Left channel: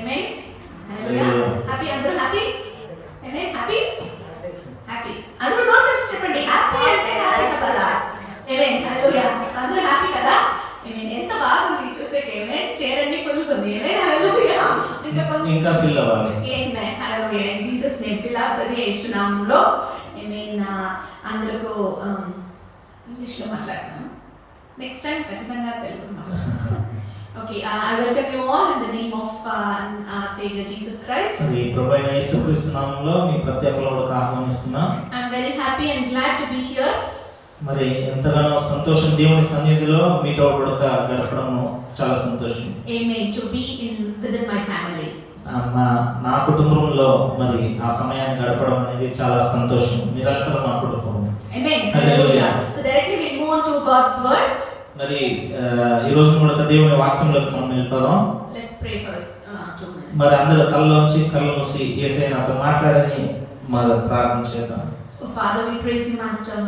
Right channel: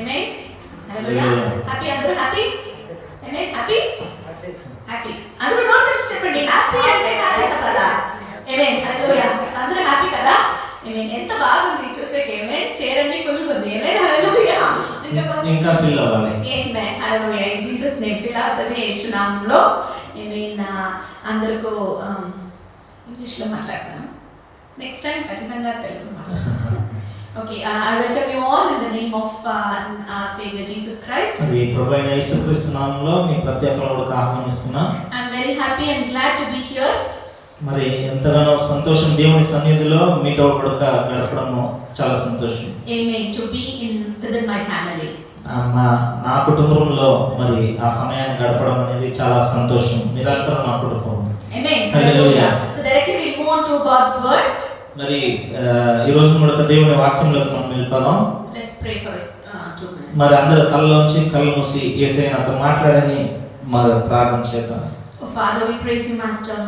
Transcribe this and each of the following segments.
Amen. Hallelujah. Happy, అందరూ happy? Amen. Happy? Happy. అందరూ note చేసి చెప్పండి. హ్యాపీ అంటే హ్యాపీ చెప్పాలా? Amen. Hallelujah. అందరూ హ్యాపీ కదా? Amen. ఎంత బాగుంది చూసేకి. Amen. చైర్ అన్ని ఫుల్ ఉంది. Amen. Hallelujah. ఇంకా ఫిల్ అవ్వాలి. Amen. Hallelujah. In Jesus name fill అవుతుంది యేసు నామములో. Amen. అందరికీ ఇంగ్లీష్లో మాట్లాడతాను. నెక్స్ట్ టైం ఖచ్చితంగా తెలుగు మాట్లాడతాను. Okay, I welcome you all in the name of our Savior Jesus Christ. ఈ ప్రభువైన యేసుక్రీస్తు నామములో మీ ప్రతి ఒక్కరిని ఆహ్వానిస్తున్నాను. I'm very happy and glad to be here. మరి ఎంతగానో సంతోషం దేవుని సన్నిధిలో మీతో కూడా గడపడం చాలా సంతోషం. Amen. To be within my family. నా కుటుంబంలో మరి ఆ సమయాన్ని గడపడం అనేది చాలా సంతోషం. మీరంతా నా కుటుంబం. Amen. Hallelujah. So directly we move on to God's word. మరి ఈ రోజు కూడా దేవుని వాక్యంలోకి మనం వెళ్ళిపోదాం. Let's pray for 2 minutes. మరి అందరూ కళ్ళలోంచి కళ్ళు మూసి యేసయ్య నాతో మాట్లాడని మరి ప్రార్థన చేద్దాం. Oh Father, we praise you, Master.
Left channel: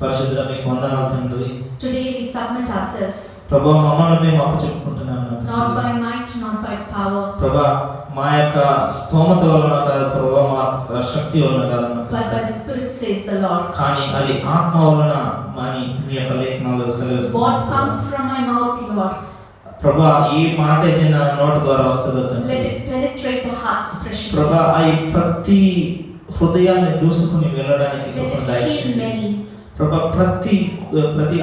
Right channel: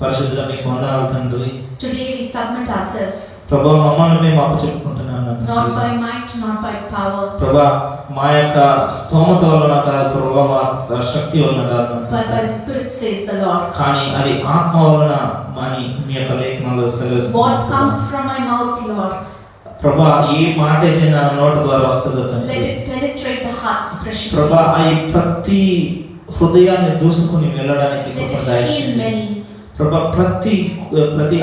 పరిశుద్ధుడా మీకు వందనాలు తండ్రి. Today we submit ourselves. ప్రభువా మమ్మల్ని మేము అప్పచెప్పుకుంటున్నాము. Not by might, not by power. ప్రభువా మా యొక్క స్తోమత వలన కాదు ప్రభువా, మా శక్తి వలన కాదు, but by the Spirit says the Lord. కానీ అది ఆత్మ వలన అని మీ యొక్క లేఖనాల్లో సెలవిస్తుంది. What comes from my mouth, Lord? ప్రభువా ఈ మాట అయితే నా నోటి ద్వారా వస్తుందో తండ్రి. Let it penetrate the hearts, precious. ప్రభువా ఈ ప్రతి హృదయాన్ని దూసుకుని వెళ్ళడానికి కృప దయచేయండి. ప్రభువా ప్రతి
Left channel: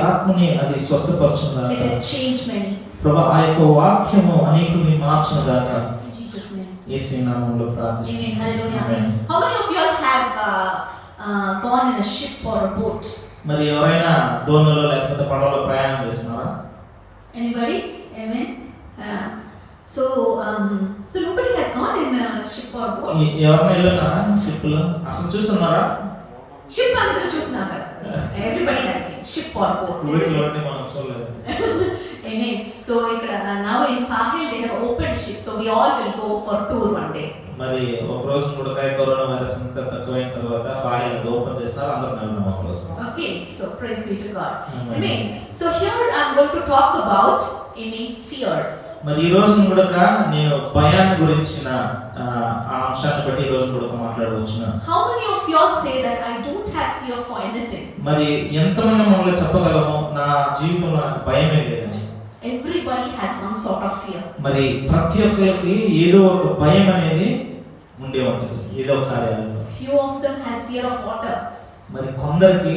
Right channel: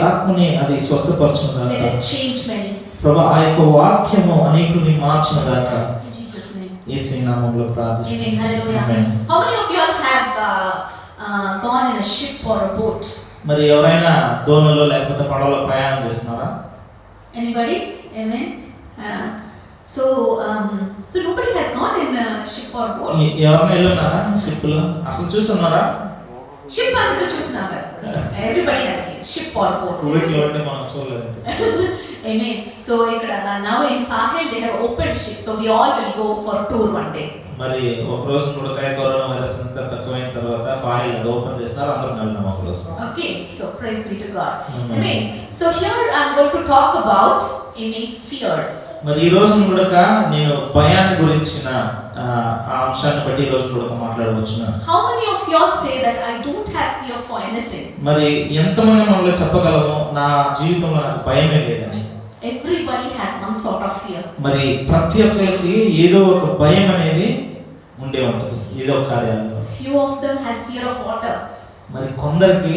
ఆత్మని అది స్వస్థపరచును గాక. Let it change many. ప్రభువా ఆ యొక్క వాక్యము అనేకుల్ని మార్చును గాక. In Jesus name. యేసు నామములో ప్రార్థిస్తున్నాను. Amen. Hallelujah. Amen. How many of you all have gone in a ship or a boat? మరి ఎవరైనా దోణిలో లేకపోతే పడవలో ప్రయాణం చేస్తున్నారా? Anybody? Amen. So nobody has gone in a ship or boat. ఎవరైనా వెళ్ళున్నారా షిప్ లో? అసలు చూస్తున్నారా? షిప్ అందరూ చూస్తున్నారు. Everybody has seen ship or boat. ఊరిలో ఉండి మనం చూడలేదు. Amen. So now in Fahel they have opened ship, so we all will go for tour one day. మరి ఒక రోజు కూడా కరోనా వైరస్ అంతా తక్కువైన తర్వాత ఫాయిల్ అది ఓపెన్ చేసినారు, అందరం వెళ్దాం ఒక రోజు. Okay, so praise be to God. Amen. So here I am going to talk about fear. మరి ఈ రోజు కూడా నేను భయాన్ని గురించిన ఆ అంశాన్ని బట్టి ఈ రోజు కూడా మాట్లాడవచ్చున్నాను. How many of you all say that I don't have fear for anything? మరి ఎంతమంది మనలో చెప్పగలము నా జీవితంలో నాకు భయమే లేదని? Everybody has one sort of fear. మరి ప్రతి ఒక్కరికి ఏదో ఒక భయం అనేది ఉండే ఉంటుంది, ఏదో ఒక కార్యాలు. Few of them has fear of water. మరి కొందరికి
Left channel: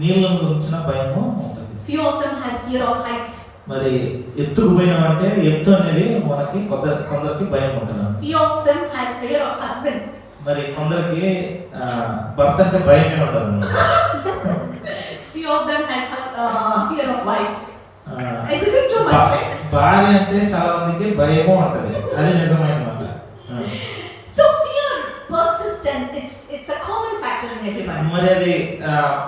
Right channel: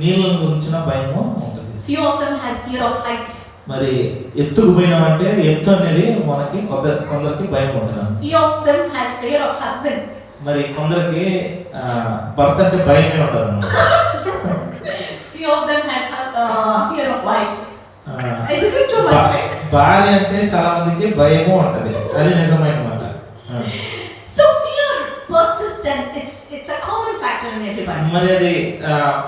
నీళ్ళ గురించిన భయము ఉంటుంది. Few of them has fear of heights. మరి ఎత్తుకు పోయినామంటే ఎత్తు అనేది మనకి కొందరికి భయం ఉంటుంది. Few of them has fear of husband. మరి కొందరికి భర్త అంటే భయమే ఉంటుంది. Few of them has fear of wife. This is too much, right? భార్య అంటే చాలా మందికి భయము ఉంటుంది, అది నిజమైన మాట. So fear persists and it's a common factor in everybody. మరి అది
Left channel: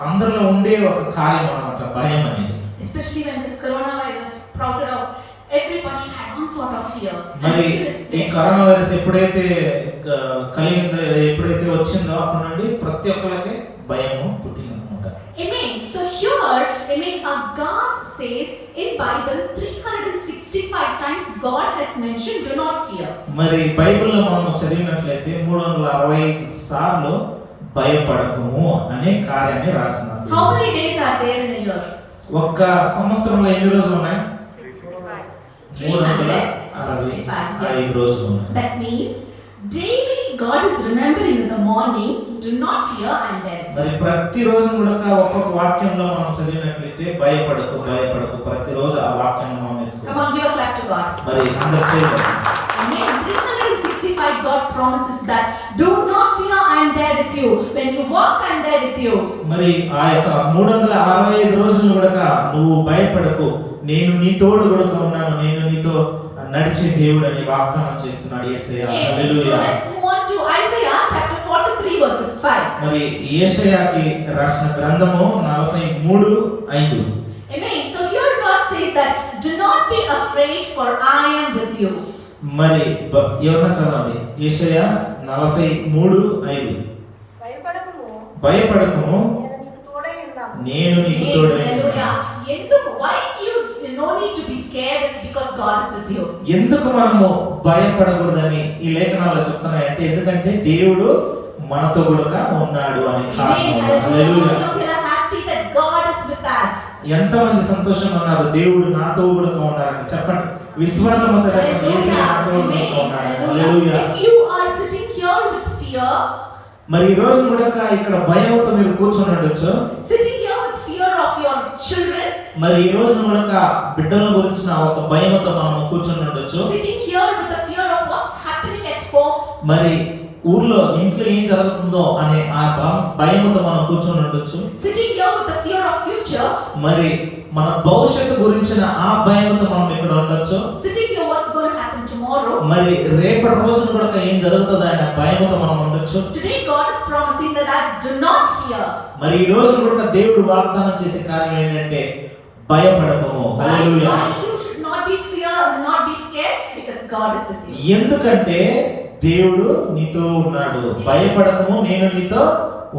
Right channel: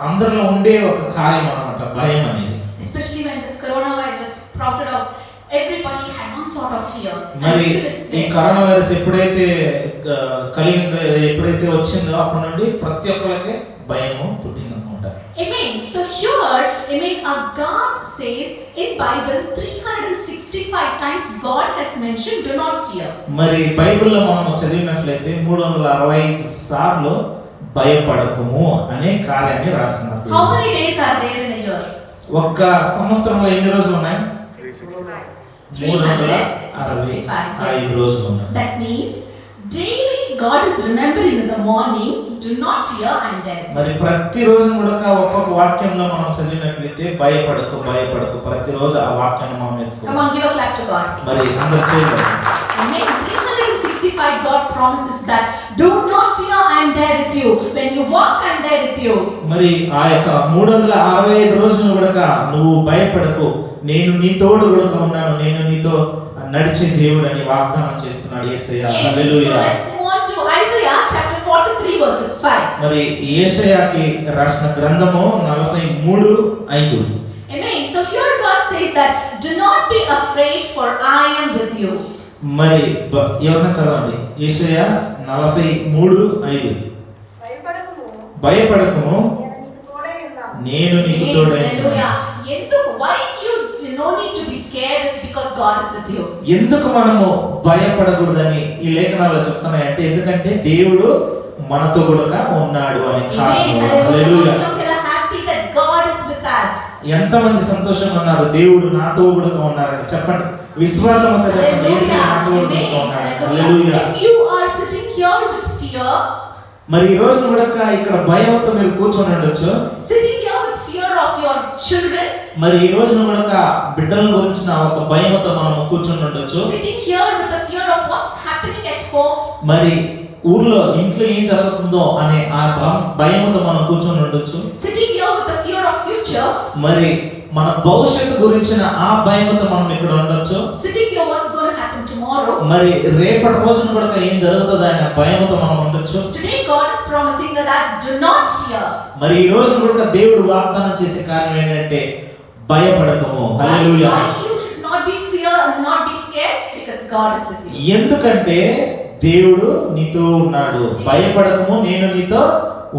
అందరిలో ఉండే ఒక కార్యం అన్నమాట భయం అనేది. Especially when this coronavirus sprouted out, everybody had one sort of fear. మరి ఈ కరోనా వైరస్ ఎప్పుడైతే కలిగిందో, ఎప్పుడైతే వచ్చిందో అప్పటి నుండి ప్రతి ఒక్కరికి భయము పుట్టింది అన్నమాట. Amen. So here, God says in Bible 365 times God has mentioned do not fear. మరి బైబిల్లో మనం చదివినట్లయితే 365 సార్లు భయపడకుము అనే కార్యాన్ని రాస్తున్నారు. How many days are there in a year? ఒక్క సంవత్సరంలో ఎన్ని రోజులు ఉన్నాయి? 365 రోజులు ఉన్నాయి. That means daily God is remembering in the morning, do not fear, I am there. మరి ప్రతి రోజు కూడా ఒక్కొక్క వాక్యంలో మనం చదివినట్లయితే భయపడకు భయపడకు, ప్రతి రోజు ఆ వాక్యాన్ని మనం ఎత్తుకోవాలి. Come on, give a clap to God. మరి అందరూ చేయండి. Amen. 365 God promises that do not fear, I am there with you. When you walk, I am there with you. మరి ఆ యొక్క 365 రోజులు కూడా నువ్వు భయపడకు, నేను నీ తోడు కూడా ఉన్నాను, నేను నీతో నడిచే దేవుడు అని వాగ్దానం చేస్తున్నాడు యేసయ్య. హల్లెలూయా. So let's move on to Isaiah chapter 43 verses 5. మరి యేషయాకి రాసిన గ్రంథము 43:5. Amen. So here God says that do not be afraid for I am with you. మరి ఎవరైనా చదవండి యేషయా 43:5. భయపడకుము నేను నీకు తోడై ఉన్నాను. Hallelujah. Why you no need to be scared is because God is with you. ఎందుకు మనము భయపడకూడదని ఈ లేఖనాల్లో చెప్తున్నాయంటే, ఎందుకంటే దేవుడు మనతో కూడా ఉన్నాడు అని కారణం. హల్లెలూయా. ఎంతమంది సంతోషంగా ఉన్నారు, దేవుడు నాతో కూడా ఉన్నారని చెప్పండి. విశ్వాసం అంతా చెప్పండి, యేసు నాతో కూడా ఉన్నాడు. హల్లెలూయా. మరి ఈ రోజు కూడా ఇక్కడ భయంతో మీరు కూర్చొని ఉండొచ్చు. మరి ఈ రోజు కూడా బిడ్డల గురించిన ఒక భయంతో మనం కూర్చొని ఉండొచ్చు. మరి ఊర్లో ఇంట్లో ఏం జరుగుతుందో అనే ఆ భయంతో మనం కూర్చొని ఉండొచ్చు. మరి మన భవిష్యత్తు గురించిన ఆ భయంతో మనం ఇక్కడ ఉండొచ్చు. మరి రేపటి రోజున కూడా ఏం జరుగుతుందో అనే భయంతో మనం ఉండొచ్చు. మరి ఈ రోజు కూడా దేవుడు వాగ్దానం చేసే కార్యం ఏంటంటే భయపడకము. హల్లెలూయా. ఎందుకంటే దేవుడు నీతో ఉన్నాడు. భయపడకము, నేను నీతో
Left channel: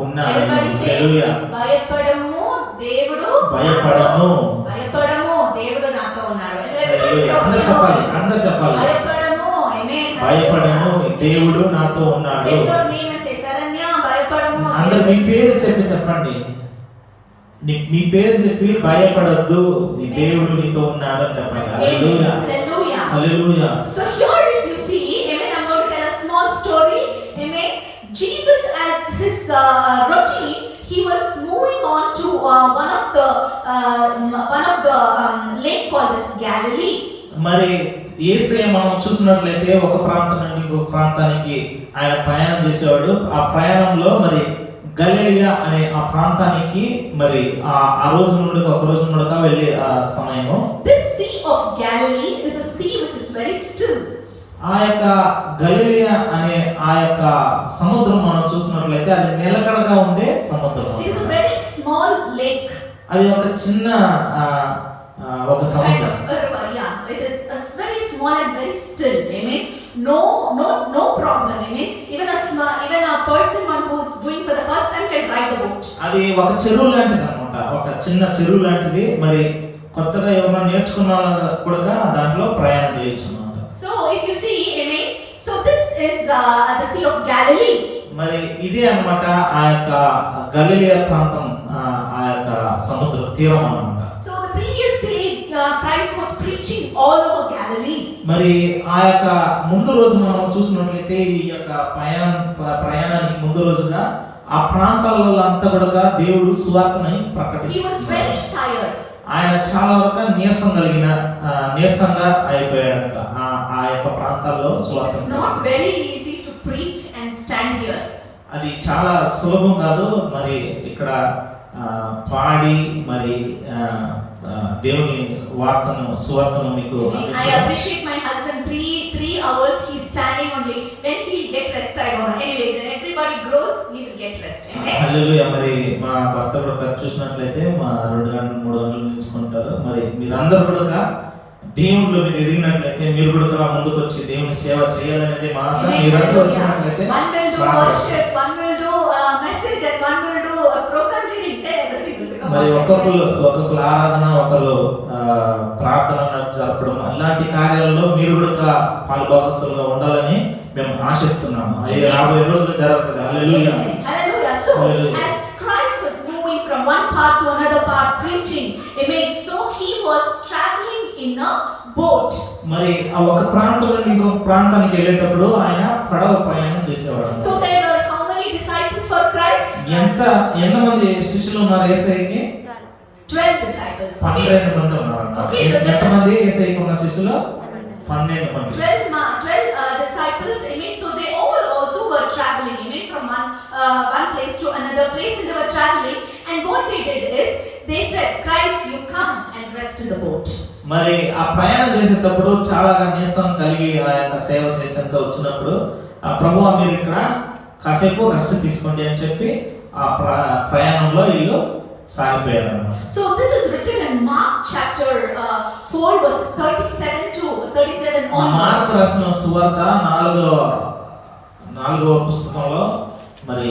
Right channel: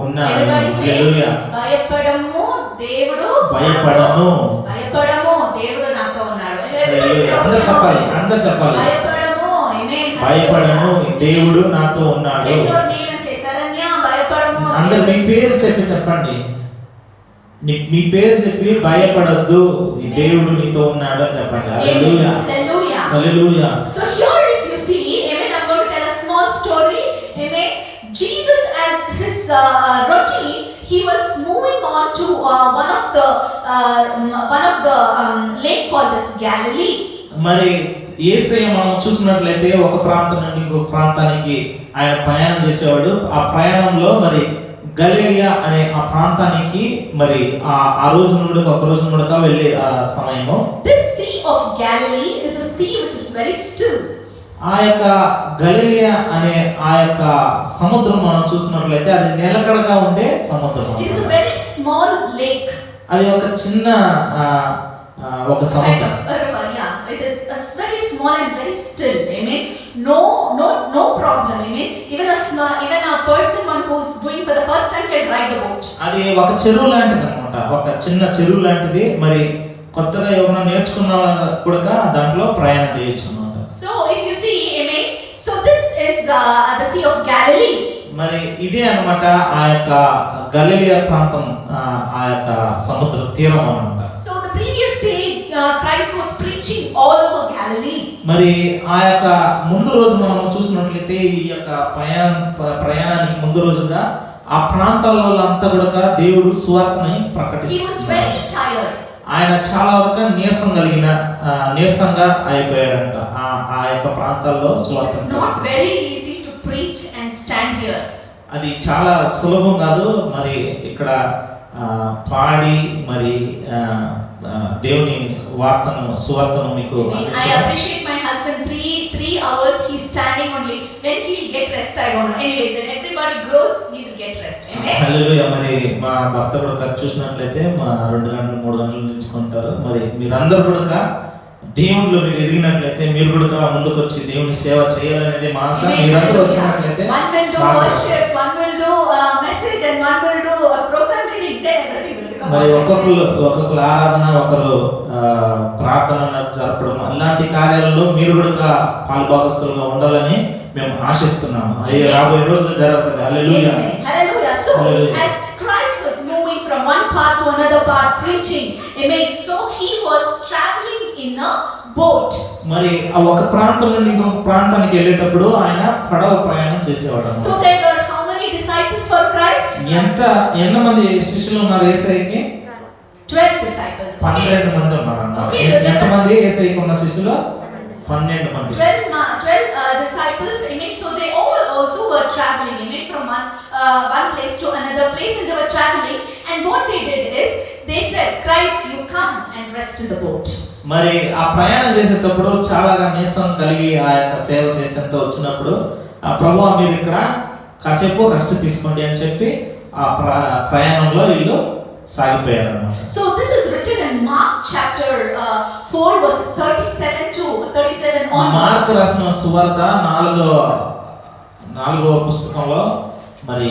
ఉన్నాను. హల్లెలూయా. భయపడము, దేవుడు భయపడము, భయపడము, దేవుడు నాతో ఉన్నాడు. అందరూ చెప్పాలి, అందరూ చెప్పాలి. భయపడము, దేవుడు నాతో ఉన్నాడు. అందరూ మీ పేరు చెప్పి చెప్పండి. మీ పేరు చెప్పి భయపడద్దు, దేవుడు నీతో ఉన్నాడు అని చెప్పండి. హల్లెలూయా. హల్లెలూయా. So here if you see, amen, I'm going to tell a small story. Amen. Jesus as his routine, he was moving on to one of the lake called as Galilee. మరి యేసయ్య మనం చూసినట్లయితే ఒక ప్రాంతం నుండి ఇంకొక ప్రాంతానికి ఆయన ప్రయాణం చేసేవాడు. ఆ ప్రయాణంలో మరి గలిలియా అనే ఆ ప్రాంతానికి మరి ఆ రోజు నుండి ఒక రోజు నుండి వెళ్ళే సమయము. This sea of Galilee is a sea which is very still. ఆ యొక్క గలిలియా అనే ఆ యొక్క సముద్రం మనం చూసినట్లయితే అది నిలకడగా ఉండే సముద్రం. It is a very small lake. అది ఒక చిన్న ఒక సముద్రం. It is a very small and very still. Amen. No problem. Amen. Even a person who's doing for the first time can ride the boat. అది ఒక చెరువు లాంటిది అన్నమాట. ఒక చిన్న చెరువు లాంటిది. మరి కొత్తగా ఎవరైనా నేర్చుకున్నా కూడా దాంట్లో ప్రయాణం చేయొచ్చు అన్నమాట. So if you see, amen. So this is the Sea of Galilee. మరి ఇదే అన్నమాట ఆ యొక్క గలిలియా ప్రాంతం, ఆ యొక్క సముద్ర తీరం అన్నమాట. So the previous day Christ was preaching all over Galilee. మరి ఆ యొక్క ముందు రోజు మనం చూసినట్లయితే ఈ యొక్క ప్రయాణానికి ముందు రోజుగా ఆ ప్రాంతాలలో అంతా కూడా దేవుడు సువార్తని ప్రకటిస్తున్నాడు. He was very tired. ఆయన చాలా వరకు నీరసంగా అయిపోయాడంట. ఆ యొక్క ప్రాంతాల్లో సువార్త. It's not very easy to preach and stand here. అది చాలా సులభం కాదు. మరి ఇక్కడ పాడి మరి దేవుని సువార్తను మీకు. I appreciate my husband. 3 hours he's standing only. When he'll get rest I don't know. Anyways, when everybody grows he will get rest. Amen. హల్లెలూయా. మరి మా భర్త కూడా చూసినట్లయితే మా 2 గంటలు 3 గంటలు నిల్చుకుంటారు. మరి మీరందరూ కూడా దేవునిలో మీరు ఎదిగినట్లయితే మీరు కూడా ముందుకు వచ్చి దేవుని సేవ చేయాలనేది మా ఆశ. మీరందరూ వచ్చినట్లయితే one will do worship, one will do message and one will do a program reading. Then everything will come. మరి ఒక్కొక్కరు ఆరాధన, ఒకరు ప్రార్థన జరపడం, అలాంటి కార్యాలలో మీరు కూడా పాలుభాగస్తులుగా ఉండాలని మేము ఆశిస్తున్నాము. అయ్యే రాబోయే రోజులు జరుగుతుంది. హల్లెలూయా. Hallelujah. So as Christ was moving from one part to another part preaching, amen. So he was traveling in a boat. మరి ఒక ప్రాంతం నుండి ఇంకొక ప్రాంతానికి వెళ్ళేటప్పుడు ఆయన పడవ ప్రయాణం చేసేవాడు. So there were how many disciples for Christ? ఎంతమంది శిష్యులు ఉన్నారు యేసయ్యకి? 12 disciples. 12 మంది ఉన్నారు. ఎంతమంది యేసయ్యకి ఉన్న శిష్యులు? 12 మంది. 12 disciples. Amen. So they all also were traveling, amen, from one place to another place, and they were traveling. And what they did is they said, Christ, you come and rest in the boat. మరి ఆ ప్రయాణం చేసేటప్పుడు చాలా నీరసం కలిగి ఆ యొక్క సేవ చేసేంత వచ్చినప్పుడు ప్రభువా మీరు ఇక్కడ కాసేపు రెస్ట్ తీసుకోండి అని చెప్పి ఆ ప్రయాణంలో వీళ్ళు సాగిపోయారు అన్నమాట. So this is written in Mark chapter 4 verses 37 to 37 onwards. Mark రాసిన సువార్త 4వ పుస్తకంలో మరి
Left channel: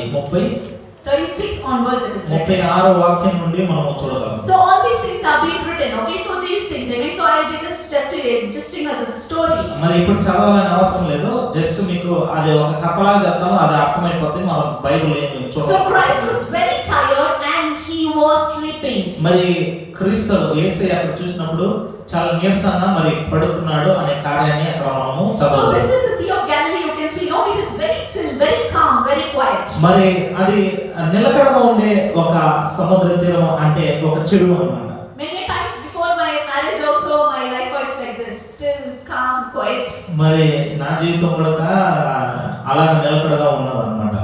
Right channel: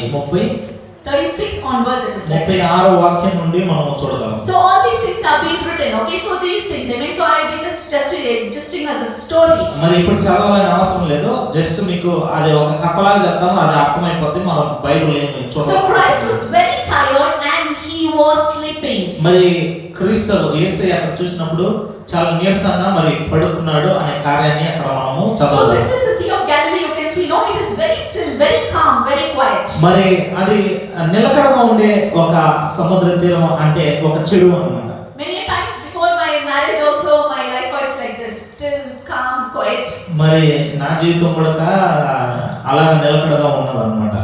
36 onwards it is written. 36వ వాక్యం నుండి మనం చూడగలం. So all these things have been written. Okay, so these things, I mean, so I will just just as a story. మరి ఇప్పుడు చదవాలని అవసరం లేదు, జస్ట్ మీకు అది ఒక కథలా చెప్తాము, అది అర్థమైపోతే మనం బైబిల్ ఏమి So చూడాలి. Christ was very tired and he was sleeping. మరి క్రీస్తు యేసయ్య అక్కడ చూసినప్పుడు చాలా నీరసంగా మరి పడుకున్నాడు అనే కార్యాన్ని అక్కడ మనము So చదవాలి. this is the Sea of Galilee. You can see, no, it is very still, very calm, very quiet. మరి అది నిలకడగా ఉండే ఒక సముద్ర తీరం అంటే ఒక చెరువు అన్నమాట. Many a times before my marriage also, my life was like this, still calm, quiet. మరి నా జీవితం కూడా అలాగ నిలకడగా ఉన్నదన్నమాట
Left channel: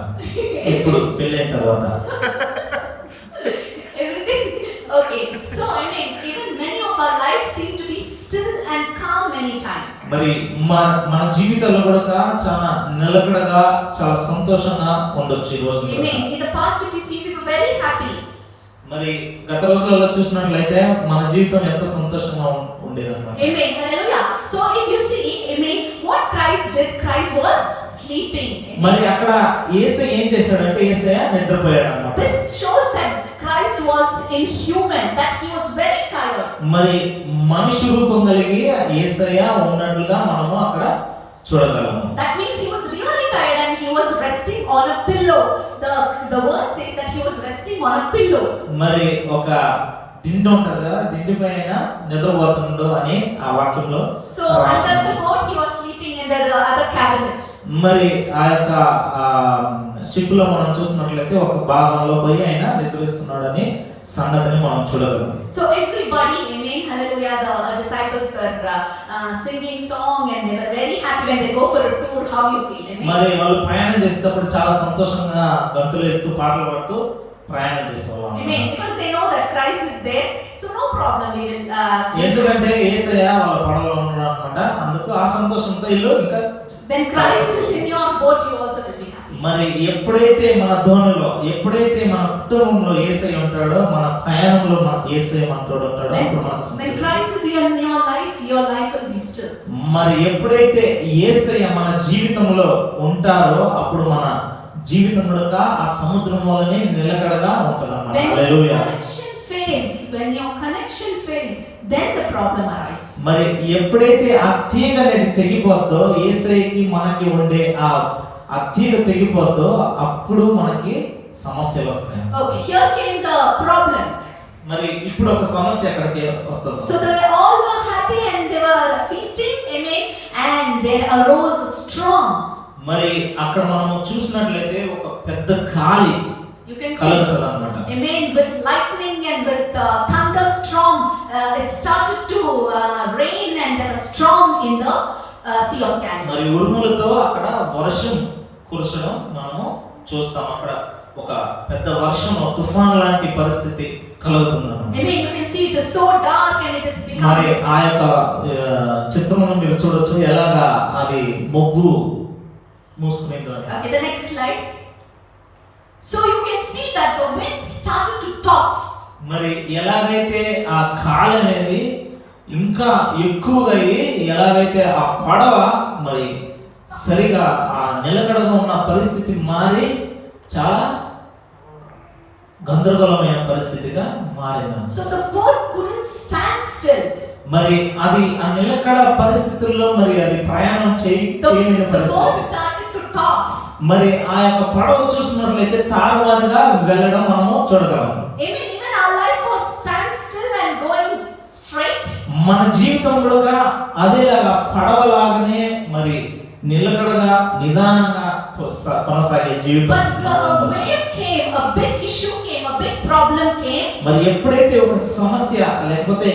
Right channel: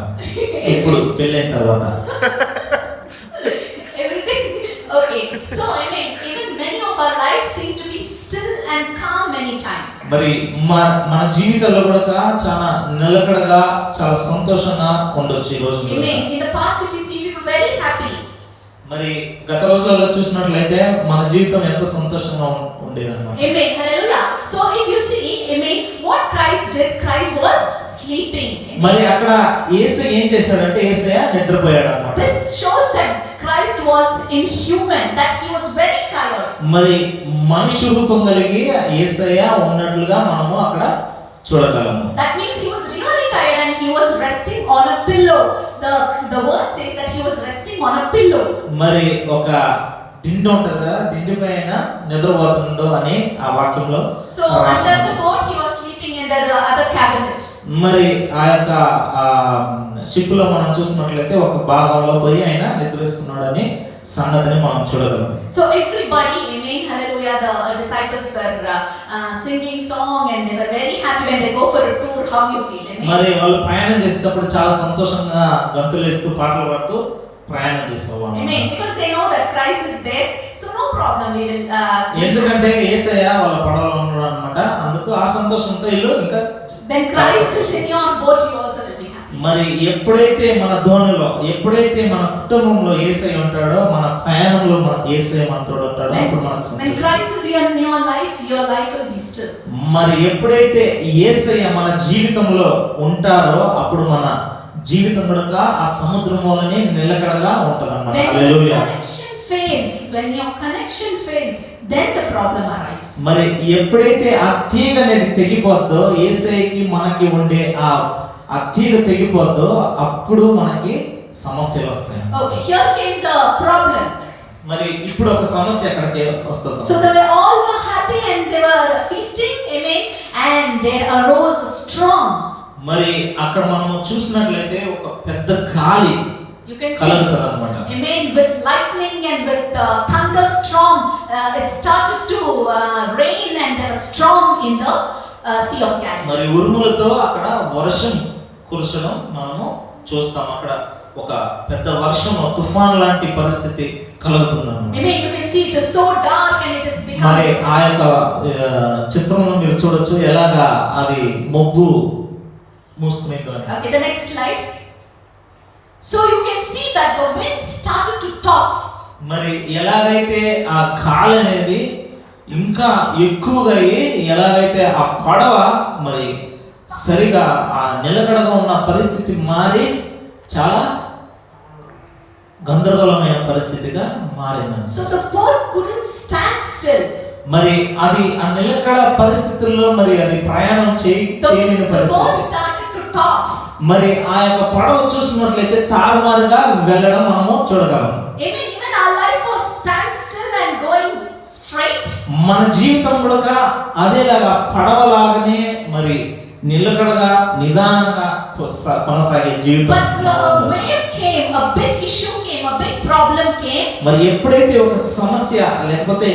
ఇప్పుడు పెళ్ళైన తర్వాత. Everything okay. So I mean, even many of our lives seem to be still and calm many times. మరి మన జీవితాల్లో కూడా చాలా నిలకడగా చాలా సంతోషంగా ఉండొచ్చు ఈ రోజు. Amen. In the past, if you see, we were very happy. మరి గత రోజులలో చూసినట్లయితే మన జీవితం ఎంతో సంతోషంగా ఉండేదన్నమాట. Amen. Hallelujah. So if you see, amen, what Christ did, Christ was sleeping. మరి అక్కడ యేసయ్య ఏం చేశాడంటే యేసయ్య నిద్రపోయాడు అన్నమాట. This shows that Christ was inhuman, that he was very tired. మరి మనిషి రూపం కలిగి యేసయ్య ఉన్నట్లుగా మనము అక్కడ చూడగలము. That means he was really tired and he was resting on a pillow. The word says that he was resting on a pillow. మరి ఒక దిండు ఉంటుంది కదా, దిండు పైన నిద్రపోతుండో అని ఆ వాక్యంలో. So under the boat he was sleeping in the other cabinet. మరి ఆ యొక్క షిప్ లో మనం చూసినట్లయితే ఒక భాగంలో పోయి ఆయన నిద్రిస్తున్నాడని సంగతిని మనం చూడగలం. So everybody, amen, hallelujah, the disciples were singing song and they were very happy when they go for a tour. How you feel? Amen. మరి వాళ్ళు ప్రయాణం చేసేటప్పుడు చాలా సంతోషంగా గంతులు వేస్తూ పాటలు పాడుతూ ప్రయాణం చేసేవాళ్ళు. Amen. Because they know that Christ is there, so no problem. We will. ఎందుకంటే యేసయ్య వాళ్ళ పడవలో ఉన్నాడు అన్నమాట. అందుకు ఆ సంతోషంతో ఇల్లు ఇంకా When Christ is in your boat, you also will be happy. మరి ఎప్పుడైతే మన ధోనిలో, ఎప్పుడైతే మన కుటుంబంలో యేసయ్య ఉంటాడో, మన ప్రయాణంలో మన యేసయ్య మనతో ఉంటాడో అప్పుడు మనకు When Christ is in your life will be still. మరి ఎప్పుడైతే యేసయ్య మన జీవితంలో ఉంటారో అప్పుడు మన జీవితం కూడా ఆ సముద్రంలోనే నిలకడగా ఉంటదన్నమాట. హల్లెలూయా. When your connection fails, then the problem arises. మరి ఎప్పుడైతే ఆ తీగ అనేది తెగిపోద్దో, యేసయ్యకి మనకి ఉండే ఆ తీగ తెగిపోద్దో అప్పుడు మనకి సమస్యలు వస్తాయి. Okay, here came the problem. మరి ఇప్పుడు ఒక సమస్య అక్కడికి వస్తుంది. So they all were happy and they were feasting, amen, and there arose a storm. మరి అక్కడ మనం చూసినట్లయితే ఒక పెద్ద గాలి You can see, కలుగుతుందన్నమాట. amen, with lightning and with thunderstorm, it started to rain and there was storm in the Sea of Galilee. మరి ఉరుములతో అక్కడ వర్షం కురచడం మనము చూస్తాం. అక్కడ ఒక పెద్ద వర్షం, తుఫాన్ లాంటి పరిస్థితి కలుగుతుందన్నమాట. Amen. You can see it is so dark and it is మరి becoming. ఆ యొక్క చిత్రంలో మీరు చూడొచ్చు ఎలాగా అది మబ్బు మూసుకునిందో. Okay, the next slide. So you can see that the wind started to toss. మరి ఎలాగైతే ఆ గాలి అనేది ఇంకా ఎక్కువగా అయ్యి ఎలాగైతే ఆ పడవ మరి సరిగా ఆ నిలకడగా ఉన్న పరిస్థితి మారి చాలా గందరగోళమైన పరిస్థితిగా మారింది. So the boat couldn't stand still. మరి అది ఆ నిలకడ పరిస్థితుల్లో మరి అది ప్రయాణం చేయని The boat పరిస్థితి. started to toss. మరి ఆ యొక్క పడవ చూసినట్లయితే తారుమారుగా వెళ్ళడం మనము చూడగలం. Amen. Even our life was stand still and going straight. మన జీవితం కూడా అదేలాగా పడవలాగానే మరి నిలకడగా నిదానంగా కొనసాగే జీవితం. But a wave came, a big issue came, a big problem came. మరి ఎప్పుడైతే ఒక సమస్య లేకపోతే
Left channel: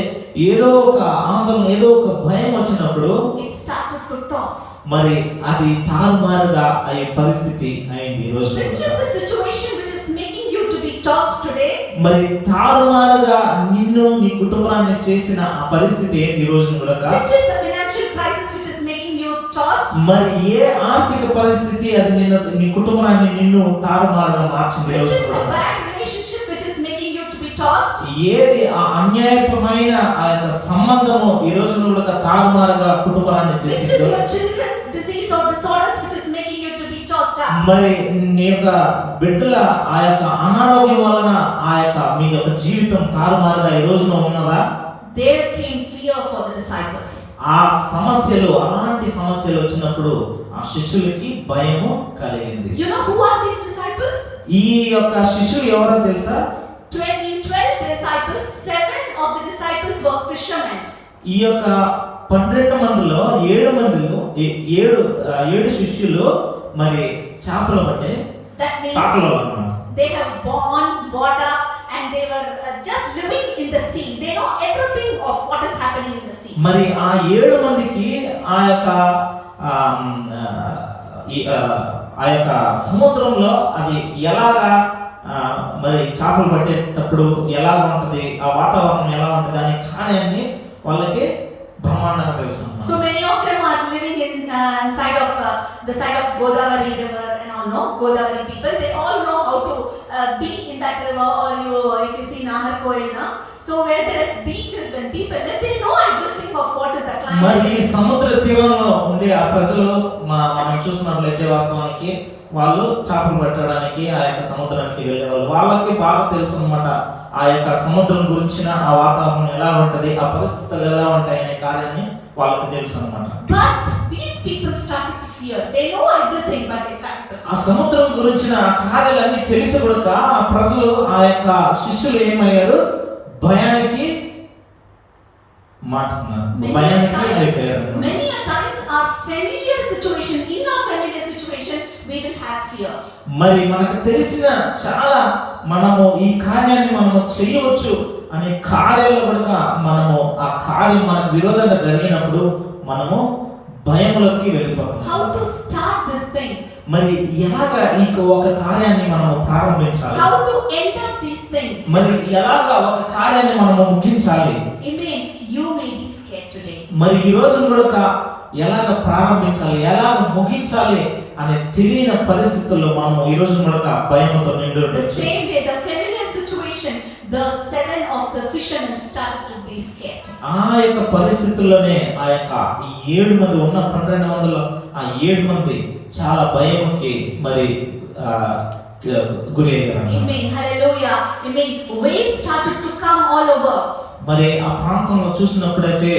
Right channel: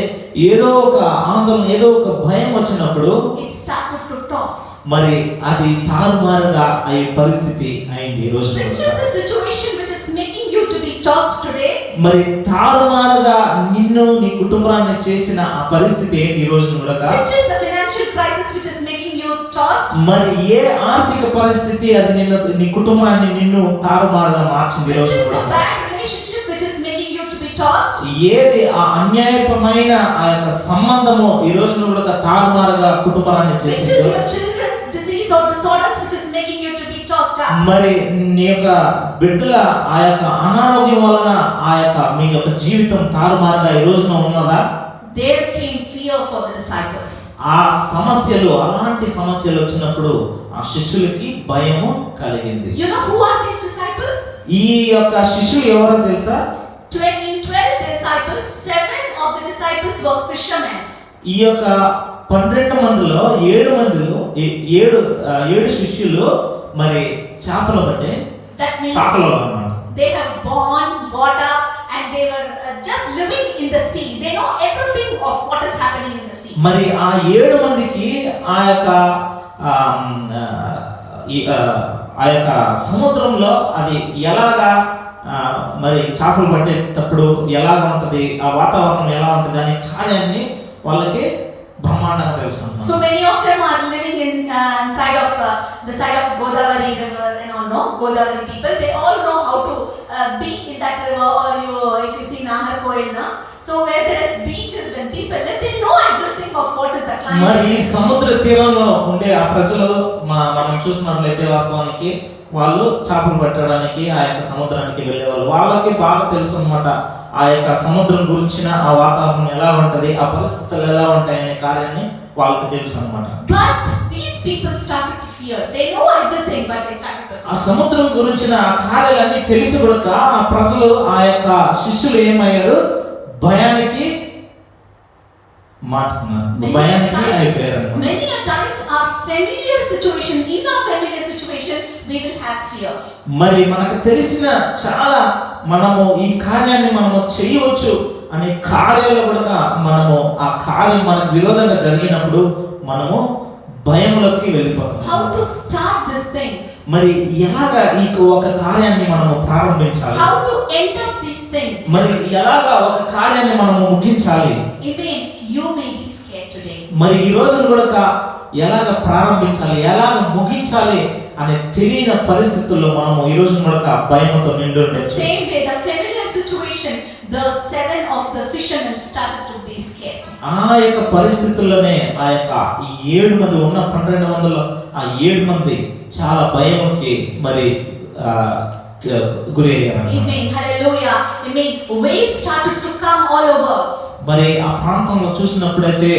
ఏదో ఒక ఆందోళన, ఏదో ఒక భయం వచ్చినప్పుడు It started to toss. మరి అది తారుమారుగా అయ్యే పరిస్థితి అయింది ఈ రోజు. Which is the situation which is making you to be tossed today? మరి తారుమారుగా నిన్ను నీ కుటుంబాన్ని చేసిన ఆ పరిస్థితి ఏంటి ఈ రోజు కూడా? Which is the financial crisis which is making you tossed? మరి ఏ ఆర్థిక పరిస్థితి అది నీ కుటుంబాన్ని నిన్ను తారుమారుగా మార్చింది ఈ Which రోజు is the కూడా? bad relationship which is making you to be tossed? ఏది ఆ అన్యాయపరమైన ఆ యొక్క సంబంధము ఈ రోజు కూడా తారుమారుగా కుటుంబాన్ని Which is చేసింది? your children's disease or disorders which is making you to be tossed up? మరి నీ యొక్క బిడ్డల ఆ యొక్క అనారోగ్యం వలన ఆ యొక్క మీ యొక్క జీవితం తారుమారుగా ఈ రోజున ఉన్నదా? There came fear for the disciples. ఆ సమస్యలు, అలాంటి సమస్యలు వచ్చినప్పుడు ఆ శిష్యులకి భయము కలిగింది. You know who are these disciples? ఈ యొక్క శిష్యులు ఎవరో తెలుసా? 12 disciples, 7 of the disciples were fishermen. ఈ యొక్క 12 మందిలో 7 శిష్యులు మరి చేపలు పట్టే That means సాకులో అన్నమాట. they have born, brought up, and they were just living in the sea. They know everything of what is happening in the sea. మరి ఆ 7 మందికి ఆ యొక్క ఆ యొక్క సముద్రంలో అది ఎలాగా మరి చేపలు పట్టేటప్పుడు ఎలా ఉంటది, ఆ వాతావరణం ఎలా ఉంటది అనే కార్యాన్ని వాళ్ళకి బ్రహ్మాండంగా తెలుసు. So many of them are living in the side of Godavari river and all, no? Godavari people, they all know how to be in that river, or if you see Naharkoil, no? So where there is beaches and people, they know everything of what is the climate. మరి ఈ సముద్ర తీరంలో ఉండే ఆ ప్రజలు మనం చూసినట్లయితే వాస్తవానికి వాళ్ళు చేపలు పట్టడానికి ఆ యొక్క సముద్రానికి వెళ్ళేవాళ్ళు. వాళ్ళకి బాగా తెలుసు అన్నమాట ఆ యొక్క సముద్రం గురించిన ఆ వాతావరణం ఎలా ఉంటది, ఆ పరిస్థితులు ఎలా ఉంటాయి అనే కార్యాన్ని వాళ్ళకి తెలుసు అన్నమాట. But these people started to fear. They know everything, but they started to fear. ఆ సముద్రం గురించిన ఆ కార్యాలన్నీ తెలిసి కూడా ఆ ప్రజలు, ఆ యొక్క శిష్యులు ఏమయ్యారు? భయానికి అయిపోయారు. Many a times our familiar situation, in our familiar situation, we will have fear. మరి మనకు తెలిసిన చాలా మనము ఈ కార్యాన్ని మనము చేయవచ్చు అనే కార్యాలు కూడా మనము ఆ కార్యం మనకు విరోధంగా జరిగినప్పుడు మనము భయంలోకి వెళ్ళిపోతాం. How to start this thing? మరి ఎలాగా ఈ ఒక కార్యాన్ని మనము ప్రారంభించాలి? How to end up this thing? మరి ఎలాగా ఒక కార్యాన్ని మనము ముగించాలి? Amen. You may be scared today. మరి ఈ రోజు కూడా ఎలాగ ప్రారంభించాలి, ఎలాగ ముగించాలి అనే తెలియని పరిస్థితుల్లో మనము ఈ రోజు కూడా భయంతో నిండి The ఉండొచ్చు. same way, the familiar situation, the 7 of the fishermen started to be scared. ఆ యొక్క పరిస్థితుల్లోనే ఆ యొక్క ఈ 7 మంది ఉన్న 12 మందిలో ఆ 7 మంది చాలా భయంకి మరి గురి అయ్యారు. Amen. Hallelujah. Amen. Waves started to come all over. మరి ఆ ప్రాంతంలో చూసినప్పుడైతే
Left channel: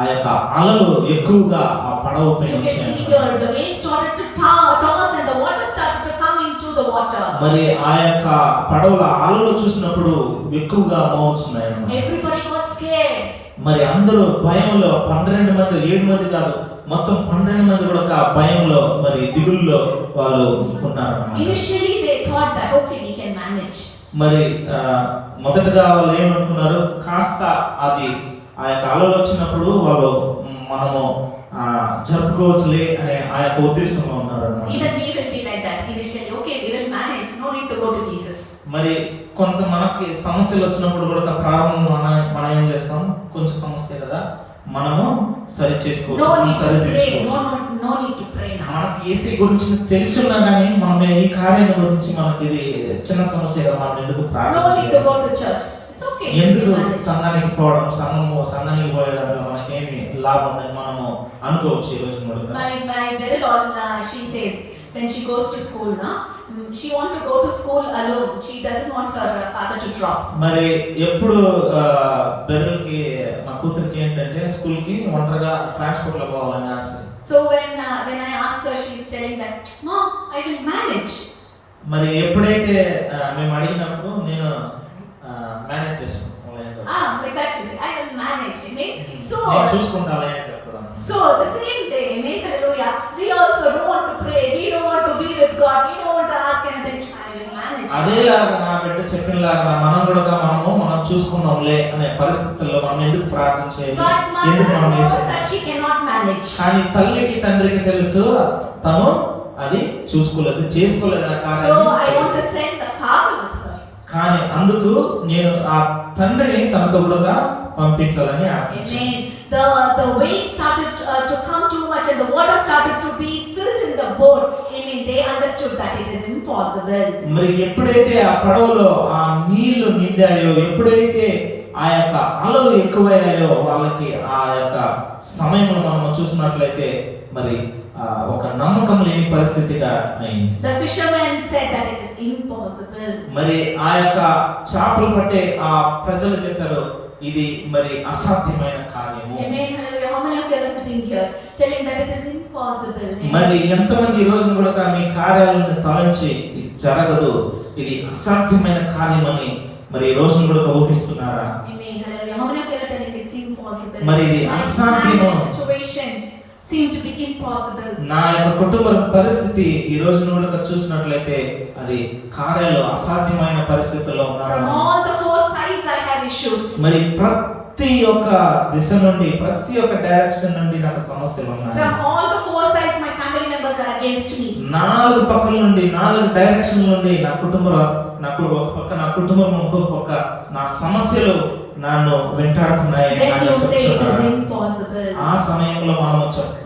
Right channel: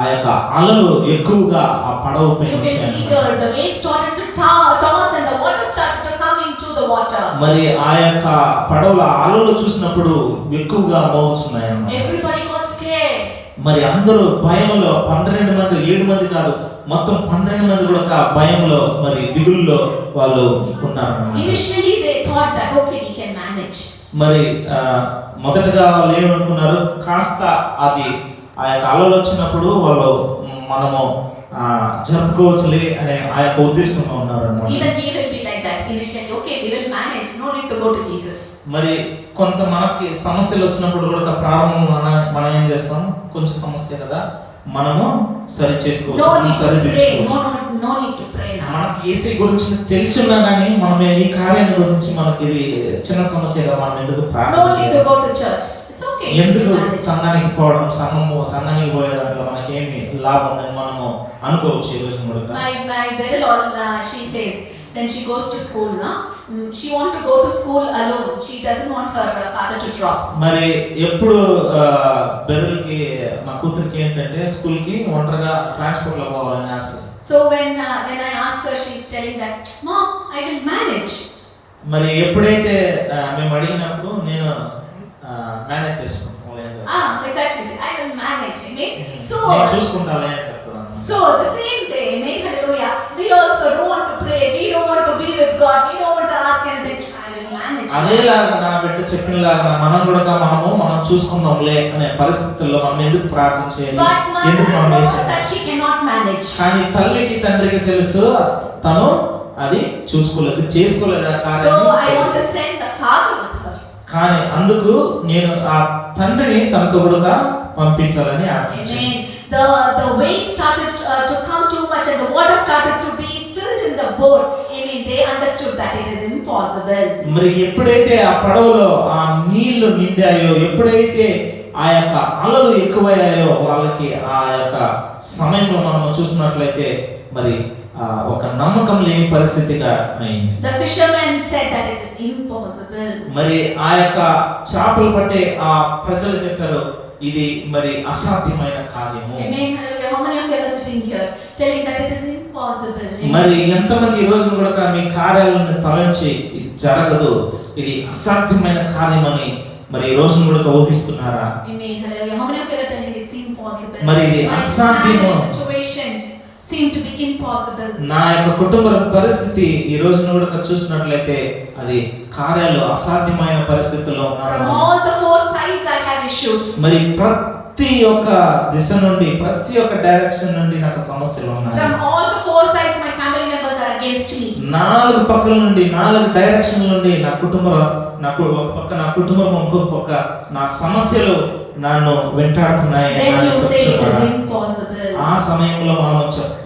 ఆ యొక్క అలలు ఎక్కువగా ఆ పడవ పైన You can see వచ్చాయి. here the waves started to toss and the water started to come into the water. మరి ఆ యొక్క పడవల అలలు చూసినప్పుడు ఎక్కువగా మోగుతున్నాయి. Everybody got scared. మరి అందరూ భయంలో 12 మంది, 7 మంది కాదు, మొత్తం 12 మంది కూడా భయంలో మరి దిగుల్లో వాళ్ళు ఉన్నారు. Initially they thought that okay, we can manage. మరి మొదటగా వాళ్ళు ఏమనుకున్నారు, కాస్త అది ఆ యొక్క అలలు వచ్చినప్పుడు వాళ్ళు మనము జరుపుకోవచ్చులే అనే ఆ యొక్క ఉద్దేశంలో ఉన్నారు. Even we will be like that initially. Okay, we will manage. No need to go to Jesus. మరి కొంత మనకి సమస్యలు వచ్చినప్పుడు కూడా ప్రారంభం మనం ఏం చేస్తాం, కొంచెం సమస్య కదా మనము సరి చేసుకోవచ్చు, No need సరి to pray. తీర్చుకోవచ్చు. No need to pray now. మనకి ఏసీ గురించి తెలిసి ఉన్నా కానీ మనం ఈ కార్యాన్ని గురించి మనకి ఇది చిన్న సమస్య కదా, మనం ఎందుకు No ప్రార్థన need to చేయాలి? go to church. It's okay. ఎందుకు we will manage. సంఘానికి పోవడం, సంఘానికి పోయే దాంట్లో మనకేమి లాభం ఉందని మనము అనుకోవచ్చు ఈ రోజు కూడా. My very old, she says when she goes to school, no, she want to go to school alone. She doesn't want her father to drop. మరి ఎప్పుడు బెదర్కి మా కూతురికి ఏంటంటే స్కూల్ కి ఒంటరిగా ట్రాన్స్పోర్ట్ లో పోవాలని ఆశ. So when I asked her, she's telling that, Mom, I will manage. మరి ఎప్పుడైతే మేము అడిగినప్పుడు నేను మేనేజ్ చేసుకుంటాను, Like that she said, I will manage. Amen. నేను చూసుకుంటాలే అని చెప్తాను. So the same day, amen, hallelujah, we also don't want to pray, we don't want to be with God, we don't want to ask anything. I will manage. అదేలాగా నా బిడ్డ చెప్పినలాగా మనం చూసుకుందాంలే అనే పరిస్థితుల్లో మనం ఎందుకు ప్రార్థించేది, But ఎందుకు mother మనం knows వేసాం? that she cannot manage. కానీ తల్లికి తండ్రికి తెలుసు తను అది చేసుకోలేదు ఆ So కార్యాన్ని I want to తెలుసు. send the father with her. కానీ అందుకు నేను ఆ తండ్రిని తనతో కూడా పంపించాలని ఆశించాను. Amen. The waves started to come too much and the water started to be filled in the boat. Amen. They understood that it is impossible. మరి ఎప్పుడైతే ఆ పడవలో ఆ నీళ్లు నిండాయో, ఎప్పుడైతే ఆ యొక్క అలలు ఎక్కువయ్యాయో, వాళ్ళకి ఆ యొక్క సమయంలో మనం చూసినట్లయితే మరి ఒక నమ్మకం లేని పరిస్థితిగా అయింది. The fishermen said that it is impossible. మరి ఆ యొక్క చేపలు పట్టే ఆ ప్రజలు చెప్పారు ఇది మరి అసాధ్యమైన కార్యము. Amen. Hallelujah. How many of you sitting here telling that it is impossible. మరి ఎంతమంది ఈ రోజు కూడా మీ కార్యాలను తలంచి ఇది జరగదు, ఇది అసాధ్యమైన కార్యమని మరి ఈ రోజు కూడా ఊహిస్తున్నారా? Amen. Hallelujah. How many of you are telling it's impossible? మరి ఇది అసాధ్యము. Situation seem to be impossible. నా యొక్క కుటుంబ పరిస్థితి ఈ రోజు కూడా చూసినట్లయితే అది కార్యాలు అసాధ్యమైన పరిస్థితుల్లో From all the four sides I have issues. మరి ప్రతి ఒక్క దిశ నుండి ప్రతి ఒక్క డైరెక్షన్ నుండి నాకు సమస్యలు ఉన్నాయి. From all the four sides my family members are against me. నాలుగు పక్కల నుండి నాలుగు డైరెక్షన్ నుండి నాకు ఒక పక్క నా కుటుంబం ఇంకొక పక్క నా సమస్యలు నన్ను వెంటాడుతున్నాయి. Then you say it is impossible. ఆ సమయంలో మనం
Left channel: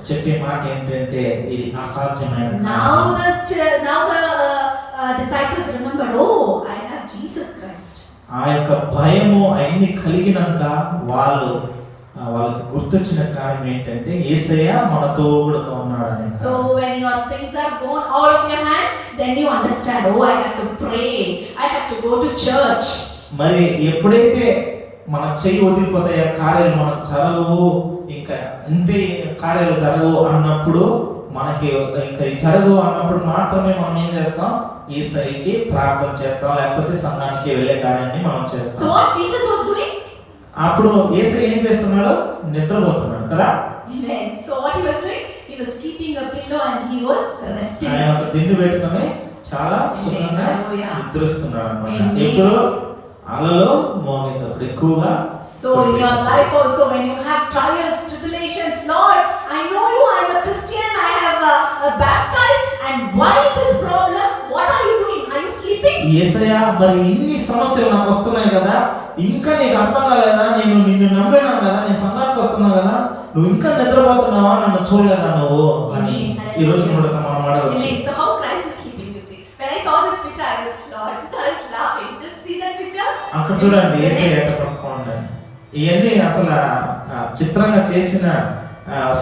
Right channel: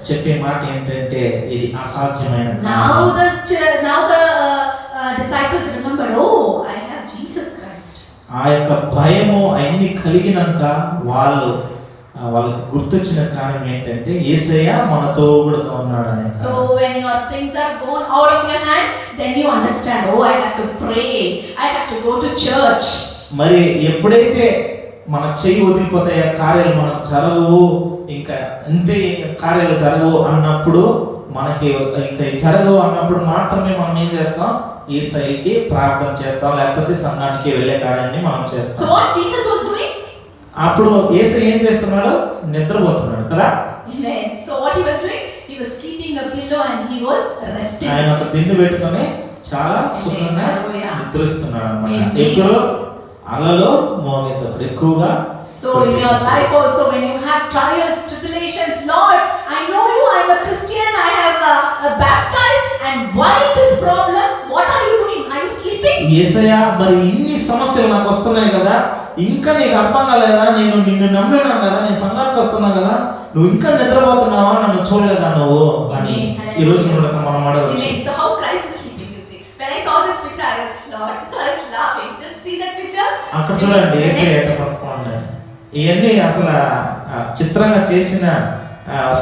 చెప్పే మాట ఏంటంటే ఇది అసాధ్యమైనది. Now the disciples remembered, oh, I have Jesus Christ. ఆ యొక్క భయము అన్ని కలిగినాక వాళ్ళకి గుర్తొచ్చిన కార్యం ఏంటంటే యేసయ్య మనతో కూడా ఉన్నాడని. So when your things are gone out of your hand, then you understand, oh, I have to pray, I have to go to church. మరి ఎప్పుడైతే మన చెయ్యి వదిలిపోతాయో కార్యాలు మనకు జరగవు, ఇంకా అంతే కార్యాలు జరగవు అన్నప్పుడు మనకి ఇంకా జరగవు అన్నప్పుడు మాత్రమే మనం ఏం చేస్తాం? యేసయ్యకి ప్రార్థన చేస్తాం, లేకపోతే సంఘానికి వెళ్ళే కార్యాన్ని మనం చేస్తాం. So what Jesus was doing? అప్పుడు యేసయ్య ఏం చేస్తున్నాడు? నిద్రపోతున్నాడు కదా. Amen. So what he was doing? He was keeping a pillow and he was resting. ఆయన ఒక దిండు పెట్టుకొని చాలా సుఖంగా నిద్రిస్తున్నాడు అన్నమాట. ఎప్పుడు? అలలో మౌనికప్పుడు ఎక్కువగా. So in your life also when you have trials, tribulations, Lord, I know you, I am a Christian, I have baptized, and why this problem? What are you doing? Are you sleeping? యేసయ్య మరి ఇన్ని సమస్యలు నాకు వస్తున్నాయి కదా, ఇంకా నీకు అర్థం కాలేదా? నేను నిన్ను నమ్మినాను కదా, నీ సంఘానికి వస్తున్నా కదా, నువ్వు ఇంకా నిద్రపోతున్నావా? నన్ను చూడలేదా నువ్వు అని ఈ రోజు మనం అడగవచ్చు. So how Christ is sleeping, you see? When I saw this picture, I was laughing. Just see that picture. అక్కడ చూడండి యేసయ్య ఎట్లా పడుకున్నాడు. ఇవన్నీ అసలు చిత్రంగా చేసిన